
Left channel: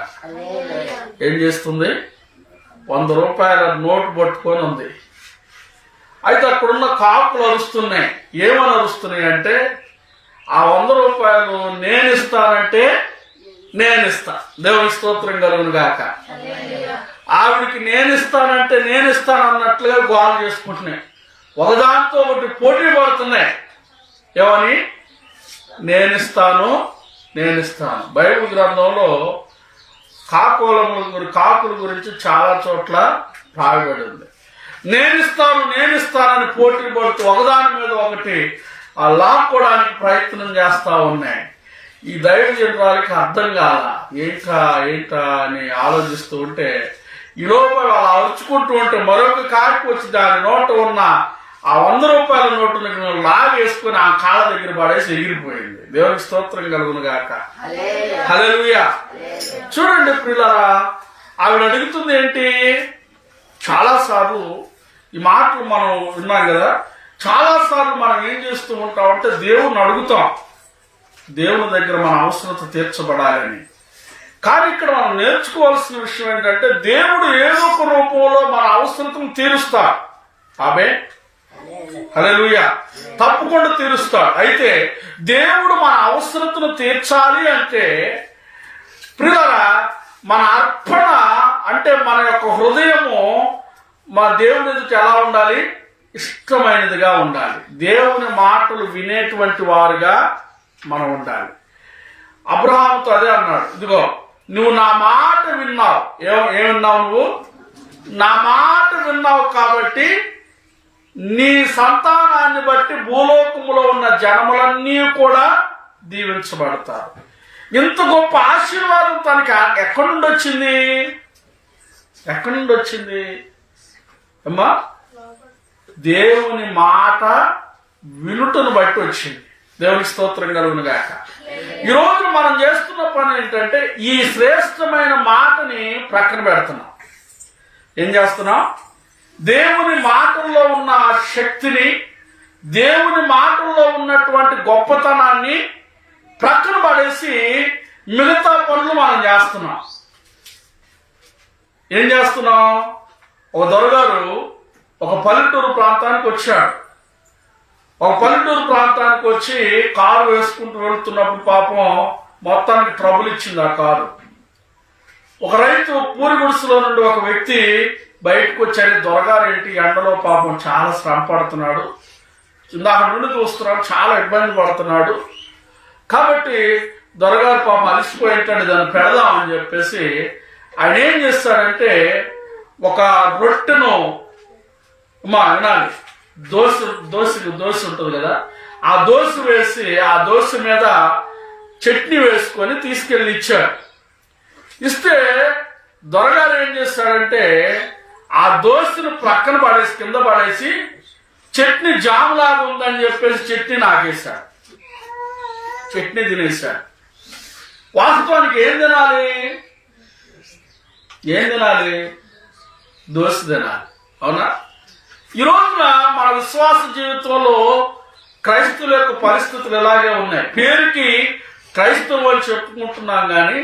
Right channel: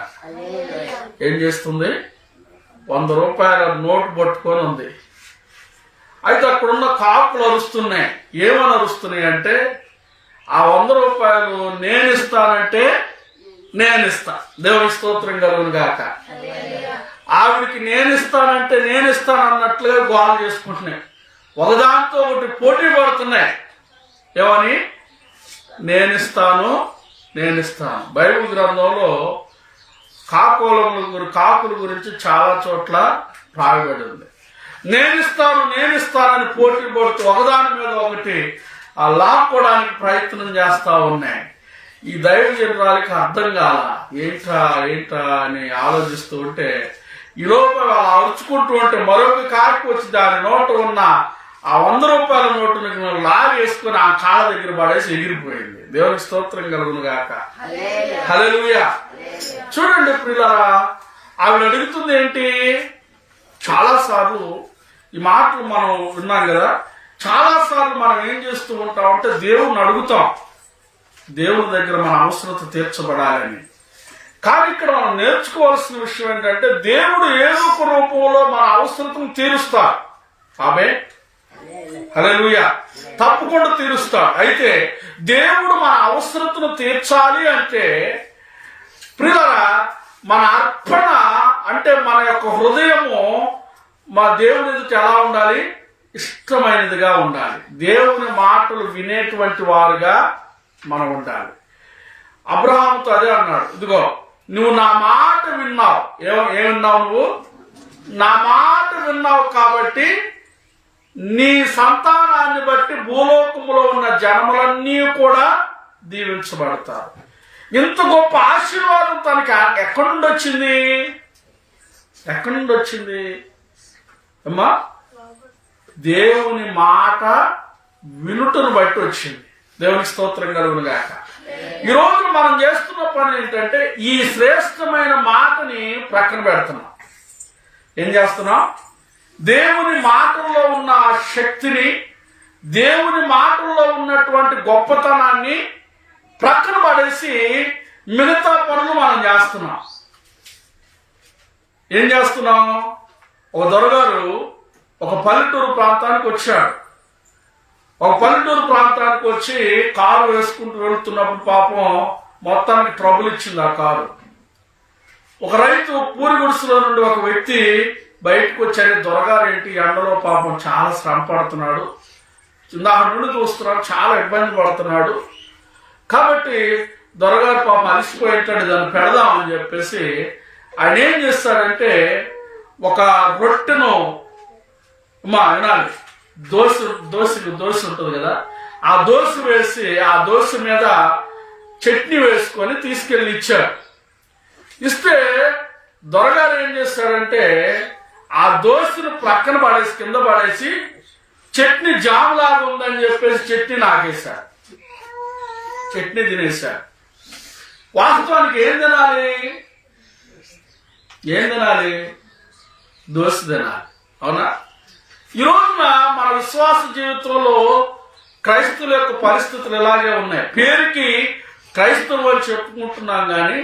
ఏం చేస్తుంది? 100 రూపాయల నోటు పట్టుకొని ఉంది. అయితే అక్కడున్న కాకులు అరుస్తున్నాయి. ఏమని అరుస్తున్నాయి అంటే, ఆ 100 రూపాయలు నేనిస్తానంటే నేనిస్తా. దేవునికి స్తోత్రం కలుగునుగాక. ఆవిడికి నేనిస్తానంటే నేనిస్తాను అన్నట్లుగా గోల చేసుకుంటున్నాయి. ఒకదాంతో ఒకటి పోటీ పడుతున్నాయి. ఏమని? నేనిస్తాను. బైబిల్ గ్రంథంలో కాకుల గురించి చాలా చోట్ల రాయబడి ఉంది. నేనిస్తానని పోటీ పడుతూ ఒకదాని మీద ఒకటి లాక్కోవడానికి ప్రయత్నం చేస్తా ఉన్నాయి. ఈ దైవజనురాలికి అర్థం కాల, ఏంటా అని ఆలోచిస్తూ ఉంటే, ఈ లోపల వాళ్ళు అరుచుకుంటూ ఉంటే మరొక కాకి వచ్చి దాని నోట ఉన్న ఆ 100 రూపాయల నోటును లాగేసుకుని ఆ కాళ్ళ దగ్గర పడేసి ఎగిరిపోయింది. దేవునికి స్తోత్రం కలుగును గాక. హల్లెలూయా. చూడండి ప్రియులారా, ఆవిడ అడుగుతుంది ఏంటి? చాలా సార్లు ఈ మాటలు మనం విన్నాం కదా. చాలా సార్లు మనం ఏం చేస్తూ ఉంటామంటే దేవుణ్ణి అడుగుతాం, దేవుని దగ్గర మన అవసరత తీర్చబడాలని. కానీ ఇక్కడ మనం నేర్చుకోవాల్సిన విషయం ఏంటంటే దేవుడు ఏదో ఒక రూపంలో మన అవసరతను తీరుస్తాడు. ఆమేన్. హల్లెలూయా. తప్పకుండా తీరుస్తాడు. అయితే దేవుడు మన అవసరతను తీర్చాలి అంటే ప్రియులారా, మన అర్పణ అంటే మన యొక్క హృదయము మా దేవుని ఎదుట ఎలా ఉండాలి? ఇష్టమైనదిగా ఉండాలి. దేవుని మాటలు వినేటువంటి వారుగా మనం ఉండాలి. అబ్రహాముతో అదే అన్నాడు, ఇదిగో నువ్వు నా మాట విన్నావు. ఏమన్నావు? నువ్వు నా మాట విన్నావు కాబట్టి నీ సంతానాన్ని బట్టి భూలోకములో ఉన్న జనములన్నీ కూడా దీవించబడతారు. ఇంత గొప్ప ఆశీర్వాదం తనకి ఎక్కడి నుండి వచ్చింది? ఎక్కడి నుండి వచ్చింది అమ్మా? దేవుని మాట వినుటను బట్టి వచ్చింది. దేవునికి స్తోత్రం కలుగును గాక. ఈ రోజు మనం చేస్తున్న పని ఏంటంటే ఈ శ్రేష్టమైన మాటని ప్రక్కన పెడుతున్నాం. ఏం చేస్తున్నాం? దేవుని మాటల్లో ఉన్న శక్తిని, దేవుని మాటల్లో ఉన్నటువంటి గొప్పతనాన్ని ప్రక్కన పడేసి మిగతా పనులు మనం చేస్తున్నాం. ఏం చేస్తున్నాం? ఒక దొరగారు ఒక పల్లెటూరు ప్రాంతానికి వచ్చాడు. ఒక పల్లెటూరు ప్రాంతానికి వచ్చి కారు వేసుకుంటూ వెళ్తున్నప్పుడు పాపం మొత్తానికి ట్రబుల్ ఇచ్చింది ఆ కారు. ఒక రైతు పూరి గుడిసెలో నుండి ఒక వ్యక్తి బయటకు వచ్చారు. దొరగారు ఏంటి ఎండలో పాపం చాలా శ్రమ పడుతున్నాడు, ఇందాక నుండి చూస్తున్నాడు, చాలా ఇబ్బంది పడుతున్నాడు. కాబట్టి దొరగారు పాపం అలిసిపోయేటట్టు దాన్ని పెడదామని చెప్పేసి ఆయన ఏం చేస్తాడంటే ఒక రొట్టెను వినాలి, దోశ ఉంటుంది కదా, ఆ దోశ వేసి ఆ దోశ మీద చట్నీ వేసుకొని తీసుకెళ్లి ఇచ్చాడు. ఇస్తే దొరగారు ఏం చేస్తాడంటే ఆ దోశను ప్రక్కన పడేసి కింద పడేసి చట్నీ జామ్ లాగా ఉందని చెప్పేసి చట్నీ నాకేశాడు, చట్నీ తినేశాడు. వాస్తవానికి ఏం తినాలి? దోశ తినాలి. అవునా? ఈ రోజున మన విశ్వాస జీవితంలో క్రైస్తవుల యొక్క పరిస్థితులు ఇలాగే ఉన్నాయి. పేరుకి క్రైస్తవులు అని చెప్పుకుంటున్నాం కానీ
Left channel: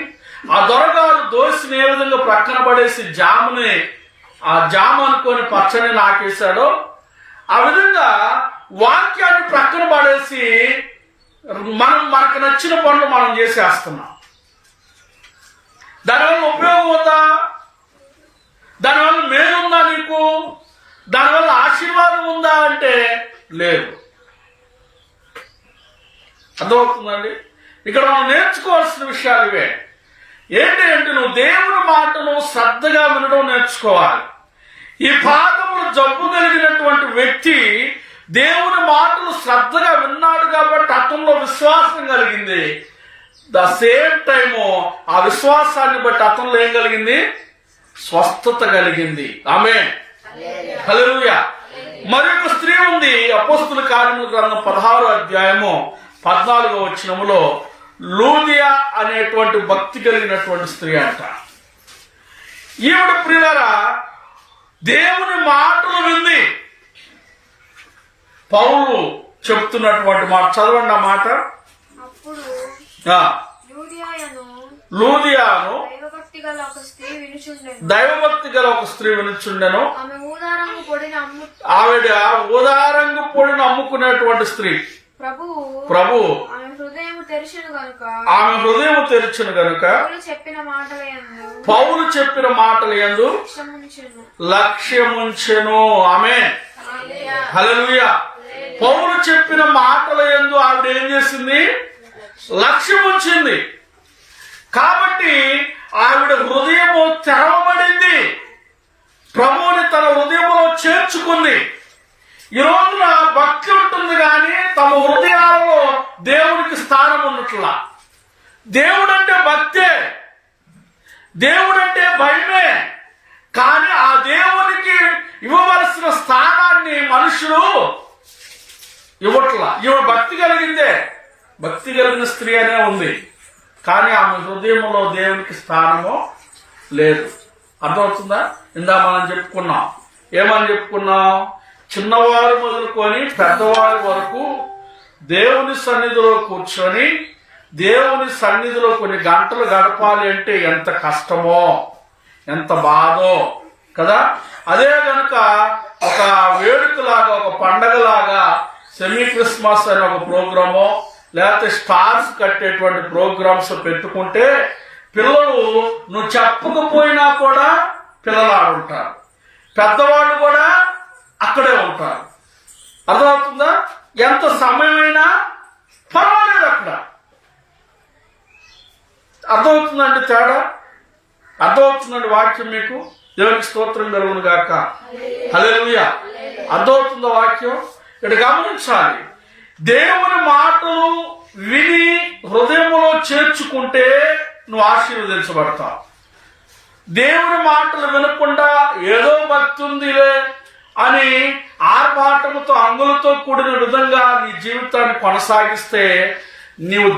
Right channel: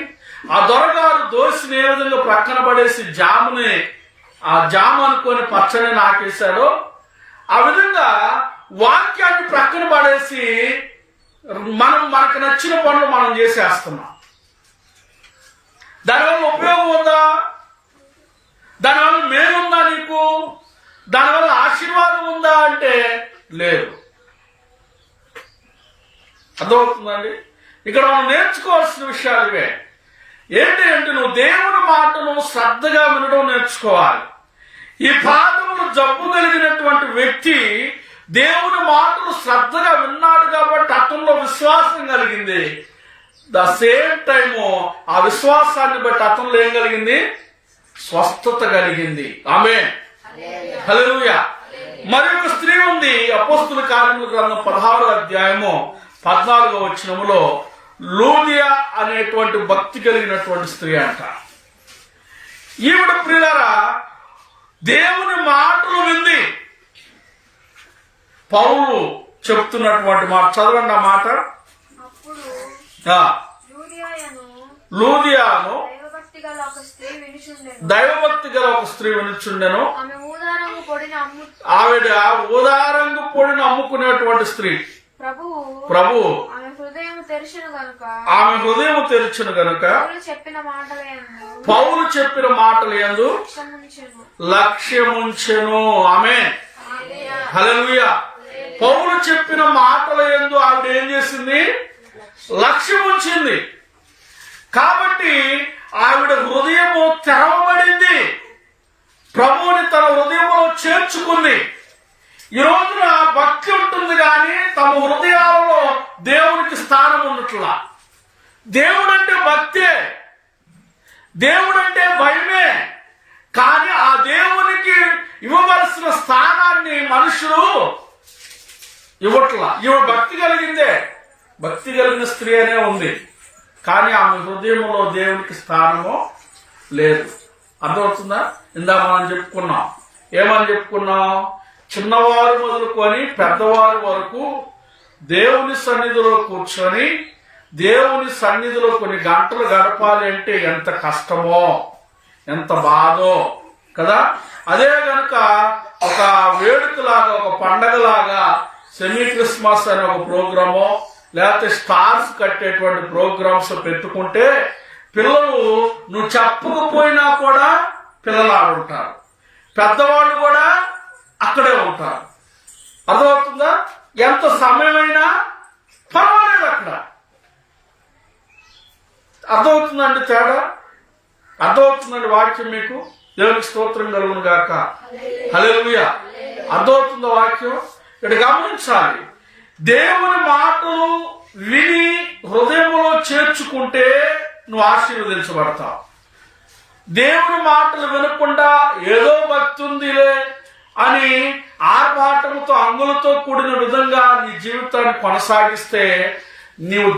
ఆ దొరగారు దోశని ఏ విధంగా ప్రక్కన పడేసి జాముని ఆ జాము అనుకొని పచ్చని నాకేశాడో ఆ విధంగా వాక్యాన్ని ప్రక్కన పడేసి మనకు నచ్చిన పనులు మనం చేసేస్తున్నాం. దానివల్ల ఉపయోగం ఉందా? దానివల్ల మేలుందా నీకు? దానివల్ల ఆశీర్వాదం ఉందా అంటే లేదు. అర్థమవుతుందండి? ఇక్కడ మనం నేర్చుకోవాల్సిన విషయాలు ఇవే. ఏంటి అంటే నువ్వు దేవుని మాటను శ్రద్ధగా వినడం నేర్చుకోవాలి. ఈ పాదములు జబ్బు కలిగినటువంటి వ్యక్తి దేవుని మాటలు శ్రద్ధగా విన్నాడు కాబట్టి అతనిలో విశ్వాసం కలిగింది. ద సేమ్ టైము ఆ విశ్వాసాన్ని బట్టి అతనిలో ఏం కలిగింది? స్వస్థత కలిగింది. ఆమేన్. హల్లెలూయా. మరి ఒక స్త్రీ ఉంది, అపోస్తుల కార్యముల గ్రంథం 16వ అధ్యాయము 14వ వచనములో లూదియా అనేటువంటి భక్తి కలిగినటువంటి స్త్రీ అంట. ఈవిడ ప్రియులారా దేవుని మాటలు వింది. పౌలు చెప్తున్నటువంటి మాట చదవండి. ఆ మాట లూదియాను దైవభక్తి గల ఒక స్త్రీ వినుచుండెను. ఆవిడ ఊదారంగు పొడిని అమ్ముకునేటువంటి స్త్రీ. ప్రభు ఆమె హృదయం తెరిచెను గనుక పౌలు చెప్పిన మాటల యందు లక్ష్యముంచెను. ఆమేన్. హల్లెలూయా. పౌలు చెప్పిన మాటల యందు ఆవిడ ఏం చేసింది? లక్ష్యముంచింది. కాబట్టి ఆవిడ హృదయము తెరవబడింది, ప్రభువుని తన హృదయంలో చేర్చుకుంది. ఈ రోజున భక్తి ఉంటుంది కానీ తమ హృదయాలలో దేవునికి స్థానం ఉన్నట్లా. దేవుడంటే భక్తే, దేవుడంటే భయమే. కానీ ఆ దేవునికి ఇవ్వవలసిన స్థానాన్ని మనుషులు ఇవ్వట్లా. ఈమె భక్తి కలిగిందే, భక్తి కలిగిన స్త్రీ అనే ఉంది, కానీ ఆమె హృదయంలో దేవునికి స్థానము లేదు. అర్థమవుతుందా? ఇందా మనం చెప్పుకున్నాం, ఏమని చెప్పుకున్నాం? చిన్నవారు మొదలుకొని పెద్దవారి వరకు దేవుని సన్నిధిలో కూర్చొని దేవుని సన్నిధిలో కొన్ని గంటలు గడపాలి అంటే ఎంత కష్టమో, ఎంత బాధో కదా. అదే గనుక ఒక వేడుకలాగా, ఒక పండగలాగా సెమీ క్రిస్మస్ అనే ఒక ప్రోగ్రామో లేకపోతే స్టార్స్ కట్టేటువంటి ప్రోగ్రామ్స్ పెట్టుకుంటే పిల్లలు నువ్వు చెప్పకపోయినా కూడా పిల్లలు ఆడుంటారు, పెద్దవాళ్ళు కూడా అక్కడే ఉంటారు. అర్థమవుతుందా? ఎంత సమయమైనా పర్వాలేదు అక్కడ. అర్థమవుతుందండి తేడా? అర్థమవుతుందండి వాక్యం మీకు? దేవునికి స్తోత్రం కలుగును గాక. హల్లెలూయా. అర్థమవుతుందా వాక్యం? ఇక్కడ గమనించాలి, దేవుని మాటలు విని హృదయంలో చేర్చుకుంటే నువ్వు ఆశీర్వదించబడతావు. దేవుని మాటలు వినకుండా ఏదో భక్తి ఉందిలే అని ఆర్భాటముతో అంగులతో కూడిన విధంగా నీ జీవితాన్ని కొనసాగిస్తే నీవు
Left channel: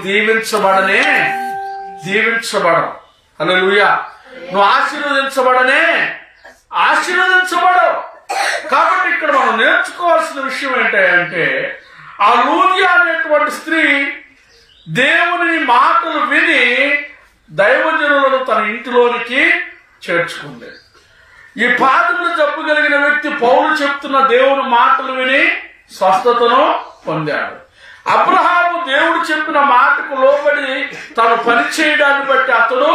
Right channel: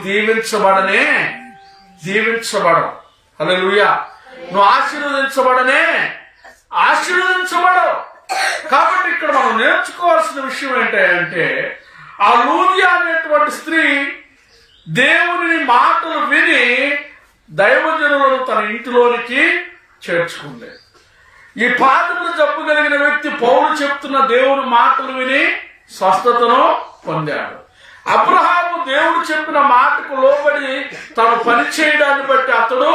దీవించబడవు. హల్లెలూయా. నువ్వు ఆశీర్వదించబడవు. కాబట్టి ఇక్కడ మనం నేర్చుకోవాల్సిన విషయం ఏంటంటే, ఆ లూదియా అనేటువంటి స్త్రీ దేవుని మాటలు విని దైవజనులను తన ఇంటిలోనికి చేర్చుకుంది. ఈ పాదములు జబ్బు కలిగిన వ్యక్తి పౌలు చెప్తున్న దేవుని మాటలు విని స్వస్థతను పొందాడు. అబ్రహాము దేవుడు చెప్పిన మాటకు లోబడి తను పని చేయడాన్ని బట్టి అతడు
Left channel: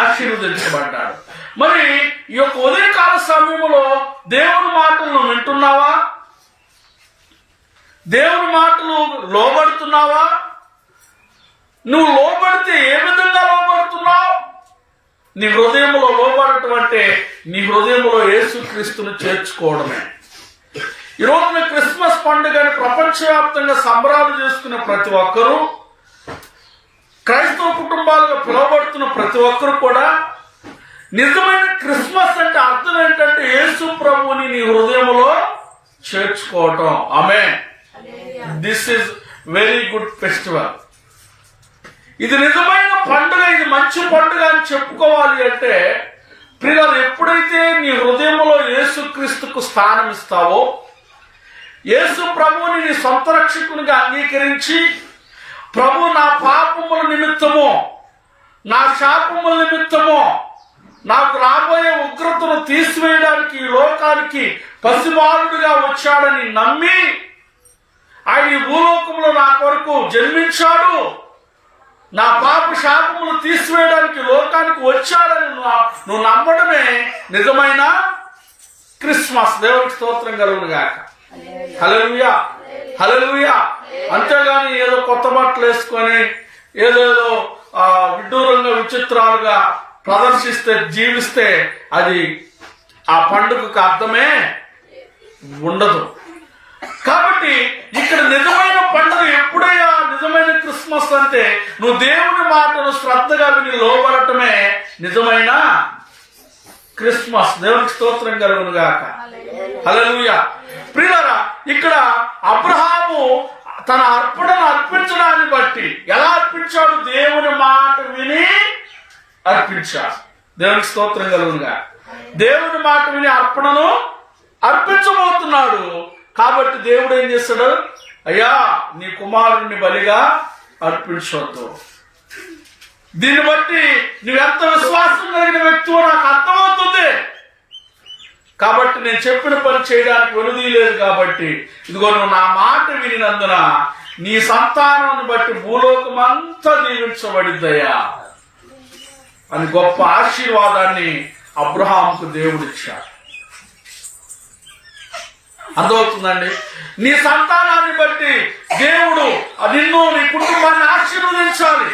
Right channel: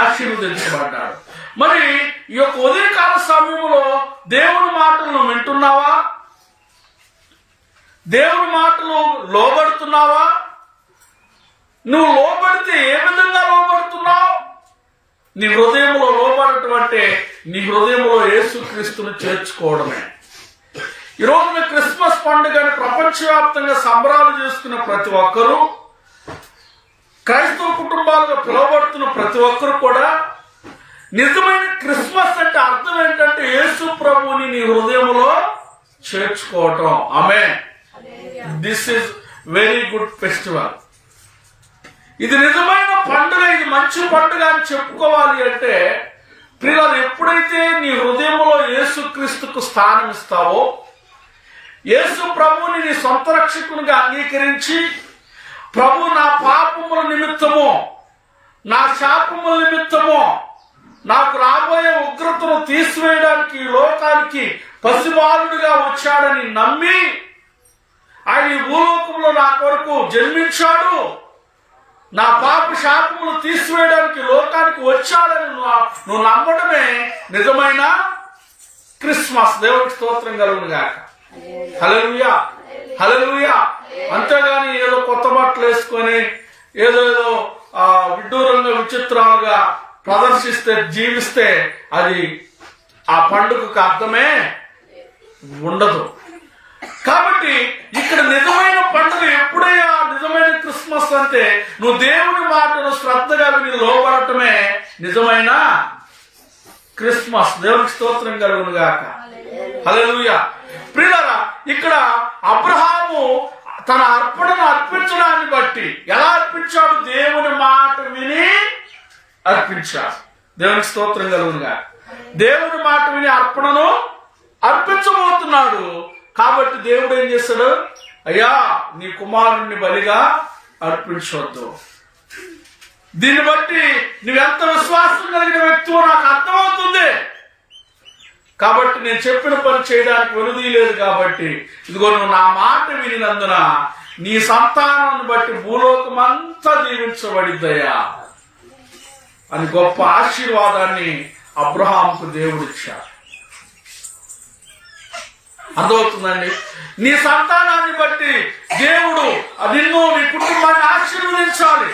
ఆశీర్వదించబడ్డాడు. మరి ఈ యొక్క ఉదయకాల సమయంలో దేవుని మాటలను వింటున్నావా? దేవుని మాటలు లోబడుతున్నావా? నువ్వు లోబడితే ఏ విధంగా లోబడుతున్నావు? నీ హృదయంలో లోబడటం అంటే నీ హృదయంలో యేసుక్రీస్తును చేర్చుకోవడమే. ఈ రోజున క్రిస్మస్ పండుగని ప్రపంచవ్యాప్తంగా సంబరాలు చేసుకున్న ప్రతి ఒక్కరూ, క్రైస్తవ కుటుంబాలుగా పిలువబడుతున్న ప్రతి ఒక్కరు కూడా నిజమైన క్రిస్మస్ అంటే అర్థం ఏంటంటే యేసు ప్రభువుని నీ హృదయంలో చేర్చుకోవటం. ఆమేన్. This is very good festival. ఇది నిజమైన పండుగ, ఇది మంచి పండుగ అని చెప్పుకోవాలి అంటే ప్రియులారా, ఎప్పుడైతే నీ హృదయంలో యేసుక్రీస్తుకు స్థానం ఇస్తావో, యేసు ప్రభువుని నీ సొంత రక్షకునిగా అంగీకరించి, ప్రభు నా పాపముల నిమిత్తము, నా శాపముల నిమిత్తము, నాకు రాబోయే ఉగ్రతను తీసివేయడానికి ఈ లోకానికి పసిబాలుడిగా వచ్చాడని నమ్మి, ఆయన ఈ భూలోకంలో నా కొరకు జన్మించాడు, నా పాప శాపములు తీసివేయడానికి లోకానికి వచ్చాడని నువ్వు నమ్మడమే నిజమైన క్రిస్మస్. దేవుడికి స్తోత్రం కలుగును గాక. హల్లెలూయా, హల్లెలూయా. అంతేగాని ఏదో కొత్త బట్టలు వేసుకొని ఏదేదో విడ్డూరంగా విచిత్రాలుగా ప్రదర్శిస్తే జీవిస్తే అది ఆ పండుగకు అర్థమే ఉండదు. కాబట్టి ఇక్కడ నిజమైన పండుగ ఎప్పుడైనా నిజమైన క్రిస్మస్ అంటే నువ్వు దేవుని మాటను శ్రద్ధగా విని లోబడటమే నిజమైన క్రిస్మస్. దేవునికి స్తోత్రం కలుగును గాక. హల్లెలూయా. ప్రియులారా, ఇక్కడ అబ్రహాము తన అర్పణను అర్పించడాన్ని బట్టి ఎలా అర్పించాడు? దేవుని మాట విని అర్పించాడు. దేవునికి స్తోత్రం కలుగును గాక. దేవుని మాట విని అర్పణను అర్పించబోతున్నాడు. కాబట్టి దేవుడు ఏం చేస్తాడు? అయ్యా, నీ కుమారుణ్ణి బలిగా అర్పించవద్దు. దీన్ని బట్టి నువ్వెంత విశ్వాసం కలిగిన వ్యక్తివో నాకు అర్థమవుతుంది. కాబట్టి నేను చెప్పిన పని చేయడానికి వెనుదీయలేదు. కాబట్టి ఇదిగో నువ్వు నా మాట వినినందున నీ సంతానాన్ని బట్టి భూలోకం అంతా దీవించబడిద్దయ్యా అని గొప్ప ఆశీర్వాదాన్ని అబ్రహాముకు దేవుడిచ్చాడు. అర్థమవుతుందండి? నీ సంతానాన్ని బట్టి దేవుడు నిన్ను, నీ కుటుంబాన్ని ఆశీర్వదించాలి.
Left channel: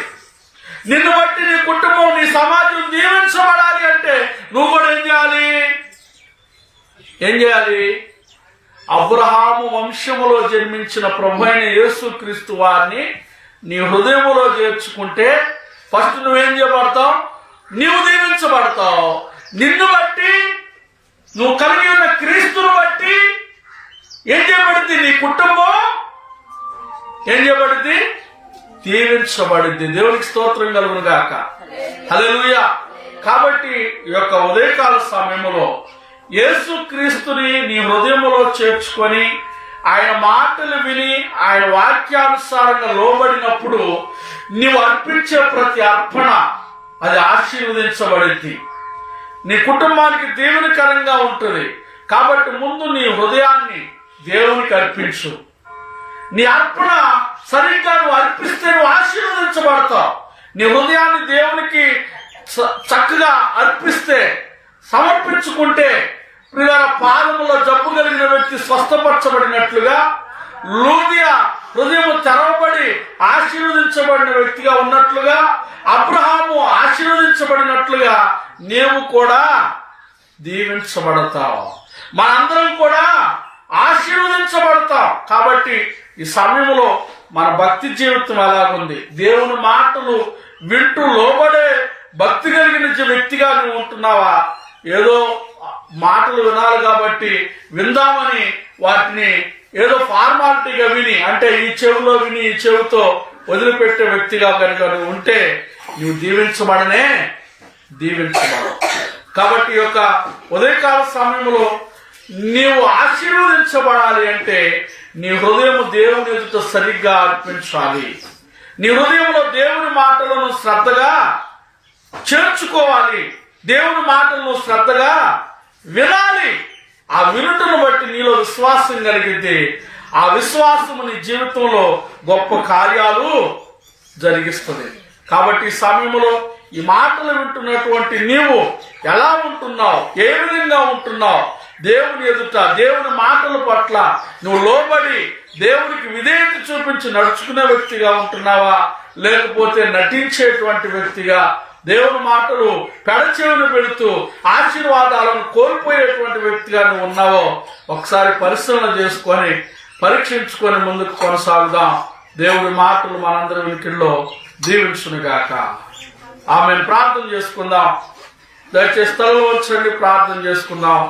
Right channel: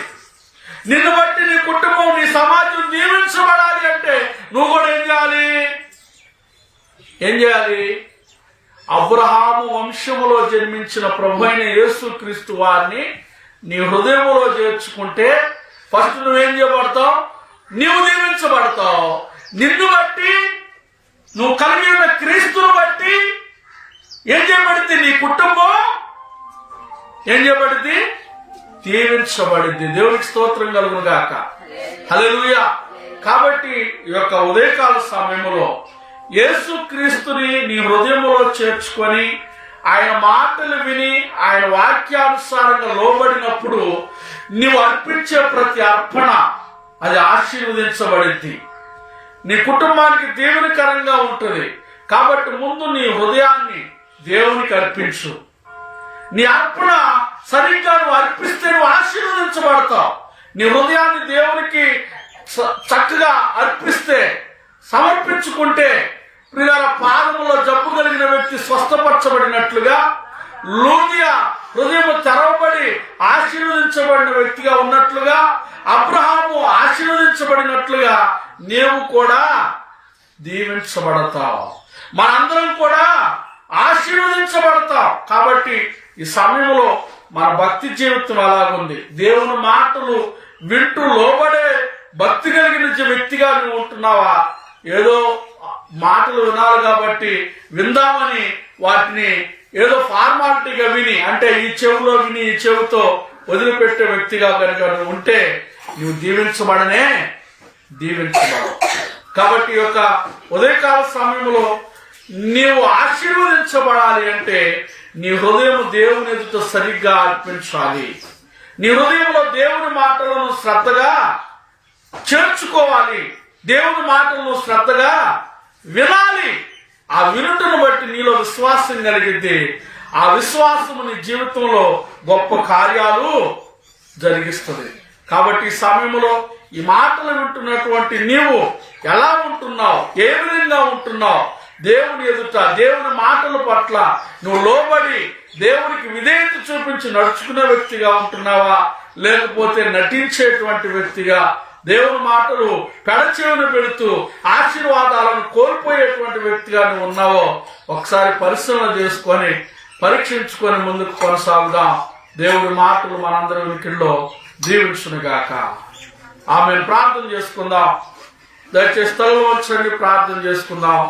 నిన్ను బట్టి నీ కుటుంబం, నీ సమాజం దీవించబడాలి అంటే నువ్వు కూడా ఏం చేయాలి? అబ్రహాము వంశములో జన్మించిన ప్రభు అయిన యేసుక్రీస్తు వారిని నీ హృదయములో చేర్చుకుంటే ఫస్ట్ నువ్వేం చేయబడతావు? నీవు నిన్ను బట్టి, నువ్వు కలిగి ఉన్న క్రీస్తును బట్టి ఏం కుటుంబం ఏం చేయబడింది? దీవించబడింది. దేవునికి స్తోత్రం కలుగును గాక. హల్లెలూయా. కాబట్టి ఈ యొక్క ఉదయకాల సమయంలో యేసుక్రీస్తుని నీ హృదయంలో చేర్చుకొని ఆయన మాటలు విని ఆయన వాక్యానుసారంగా లోబడినప్పుడు నీవు అర్పించే ప్రతి అర్పణ అది ఆశీర్వదించబడింది. నీ కుటుంబానికి దీవెనకరంగా ఉంటుంది. కాబట్టి ముందు నీ హృదయాన్ని దేవునికి అర్పించు. నీ అర్పణ సరిగ్గా నువ్వు అర్పిస్తే నువ్వు ఆశీర్వదించబడతావు. నీ హృదయాన్ని దేవునికి చక్కగా అర్పిస్తే, సమర్పించుకుంటే ప్రియుల పాదములో జబ్బు కలిగిన వ్యక్తి స్వస్థపరచబడినట్లుగా, లూదియా హృదయము తెరవబడి ఆశీర్వదించబడిన వ్యక్తిగా ఉన్నట్లుగా, అబ్రహాము ఆశీర్వదించబడినట్లుగా నీవు కూడా దీవించబడతావు. మనందరం కూడా ఆశీర్వదించబడతాం. కాబట్టి ఈ సమయంలో మన భక్తి జీవితం ఎలాగుంది? దేవుని మాటలు వింటూ లోబడే భక్తి కలిగిన వ్యక్తిగా నువ్వు ఉంటున్నావా? ఏదో మాటలు వినాలి కాబట్టి విందామని వాటిని ఏదో ఫార్మాలిటీగా విని, అంటే ఈ చెవిలో విని ఈ చెవితో వదిలిపెట్టే వ్యక్తిగా కనుక నువ్వు ఉంటే నువ్వు దీవించబడనే దీవించబడవు. కాబట్టి ఈ యొక్క ఉదయకాల సమయంలో నీవు ఆశీర్వదించబడాలి అంటే నీ హృదయం దేవుని ఎదుట సరిగ్గా అర్పించాలి. నీ హృదయంలో దేవుని మాటలను శ్రద్ధగా చేర్చుకోవాలి. దేవుని మాటలను శ్రద్ధగా వినాలి. ఆ వినుటను బట్టి నీలో విశ్వాసం కలిగితే ఆ విశ్వాసము నీ జీవితంలో గొప్ప కార్యాలు జరిగిస్తుంది. కాబట్టి ఈ సమయంలో ఈ మాటలు వింటున్నటువంటి నీవు ఎలా ఉంటున్నావు? ఏ విధంగా ఉంటున్నావు? దేవుని ఎదుట దేవుని మాటల పట్ల నువ్వు లోబడి దేవునికి విధేయత చూపించి నడుచుకునే వ్యక్తిగా ఉంటున్నావా? లేకపోతే నటించేటువంటి వ్యక్తిగా దేవుని మాటలు పెడచెవిన పెడుతూ ఆశీర్వాదాలను కోల్పోయేటువంటి వ్యక్తిగా నువ్వు ఉన్నావో ఒకసారి పరిశీలన చేసుకొని పరీక్షించుకొని ముందుకు కొనసాగుదాం. దేవుడి మాటలు మనందరి వినికిడిలో దీవించునుగాక. ఆమెను ప్రార్థన చేసుకుందాం. దయచేసి తలలో వచ్చండి, ప్రార్థన చేసుకుందాం.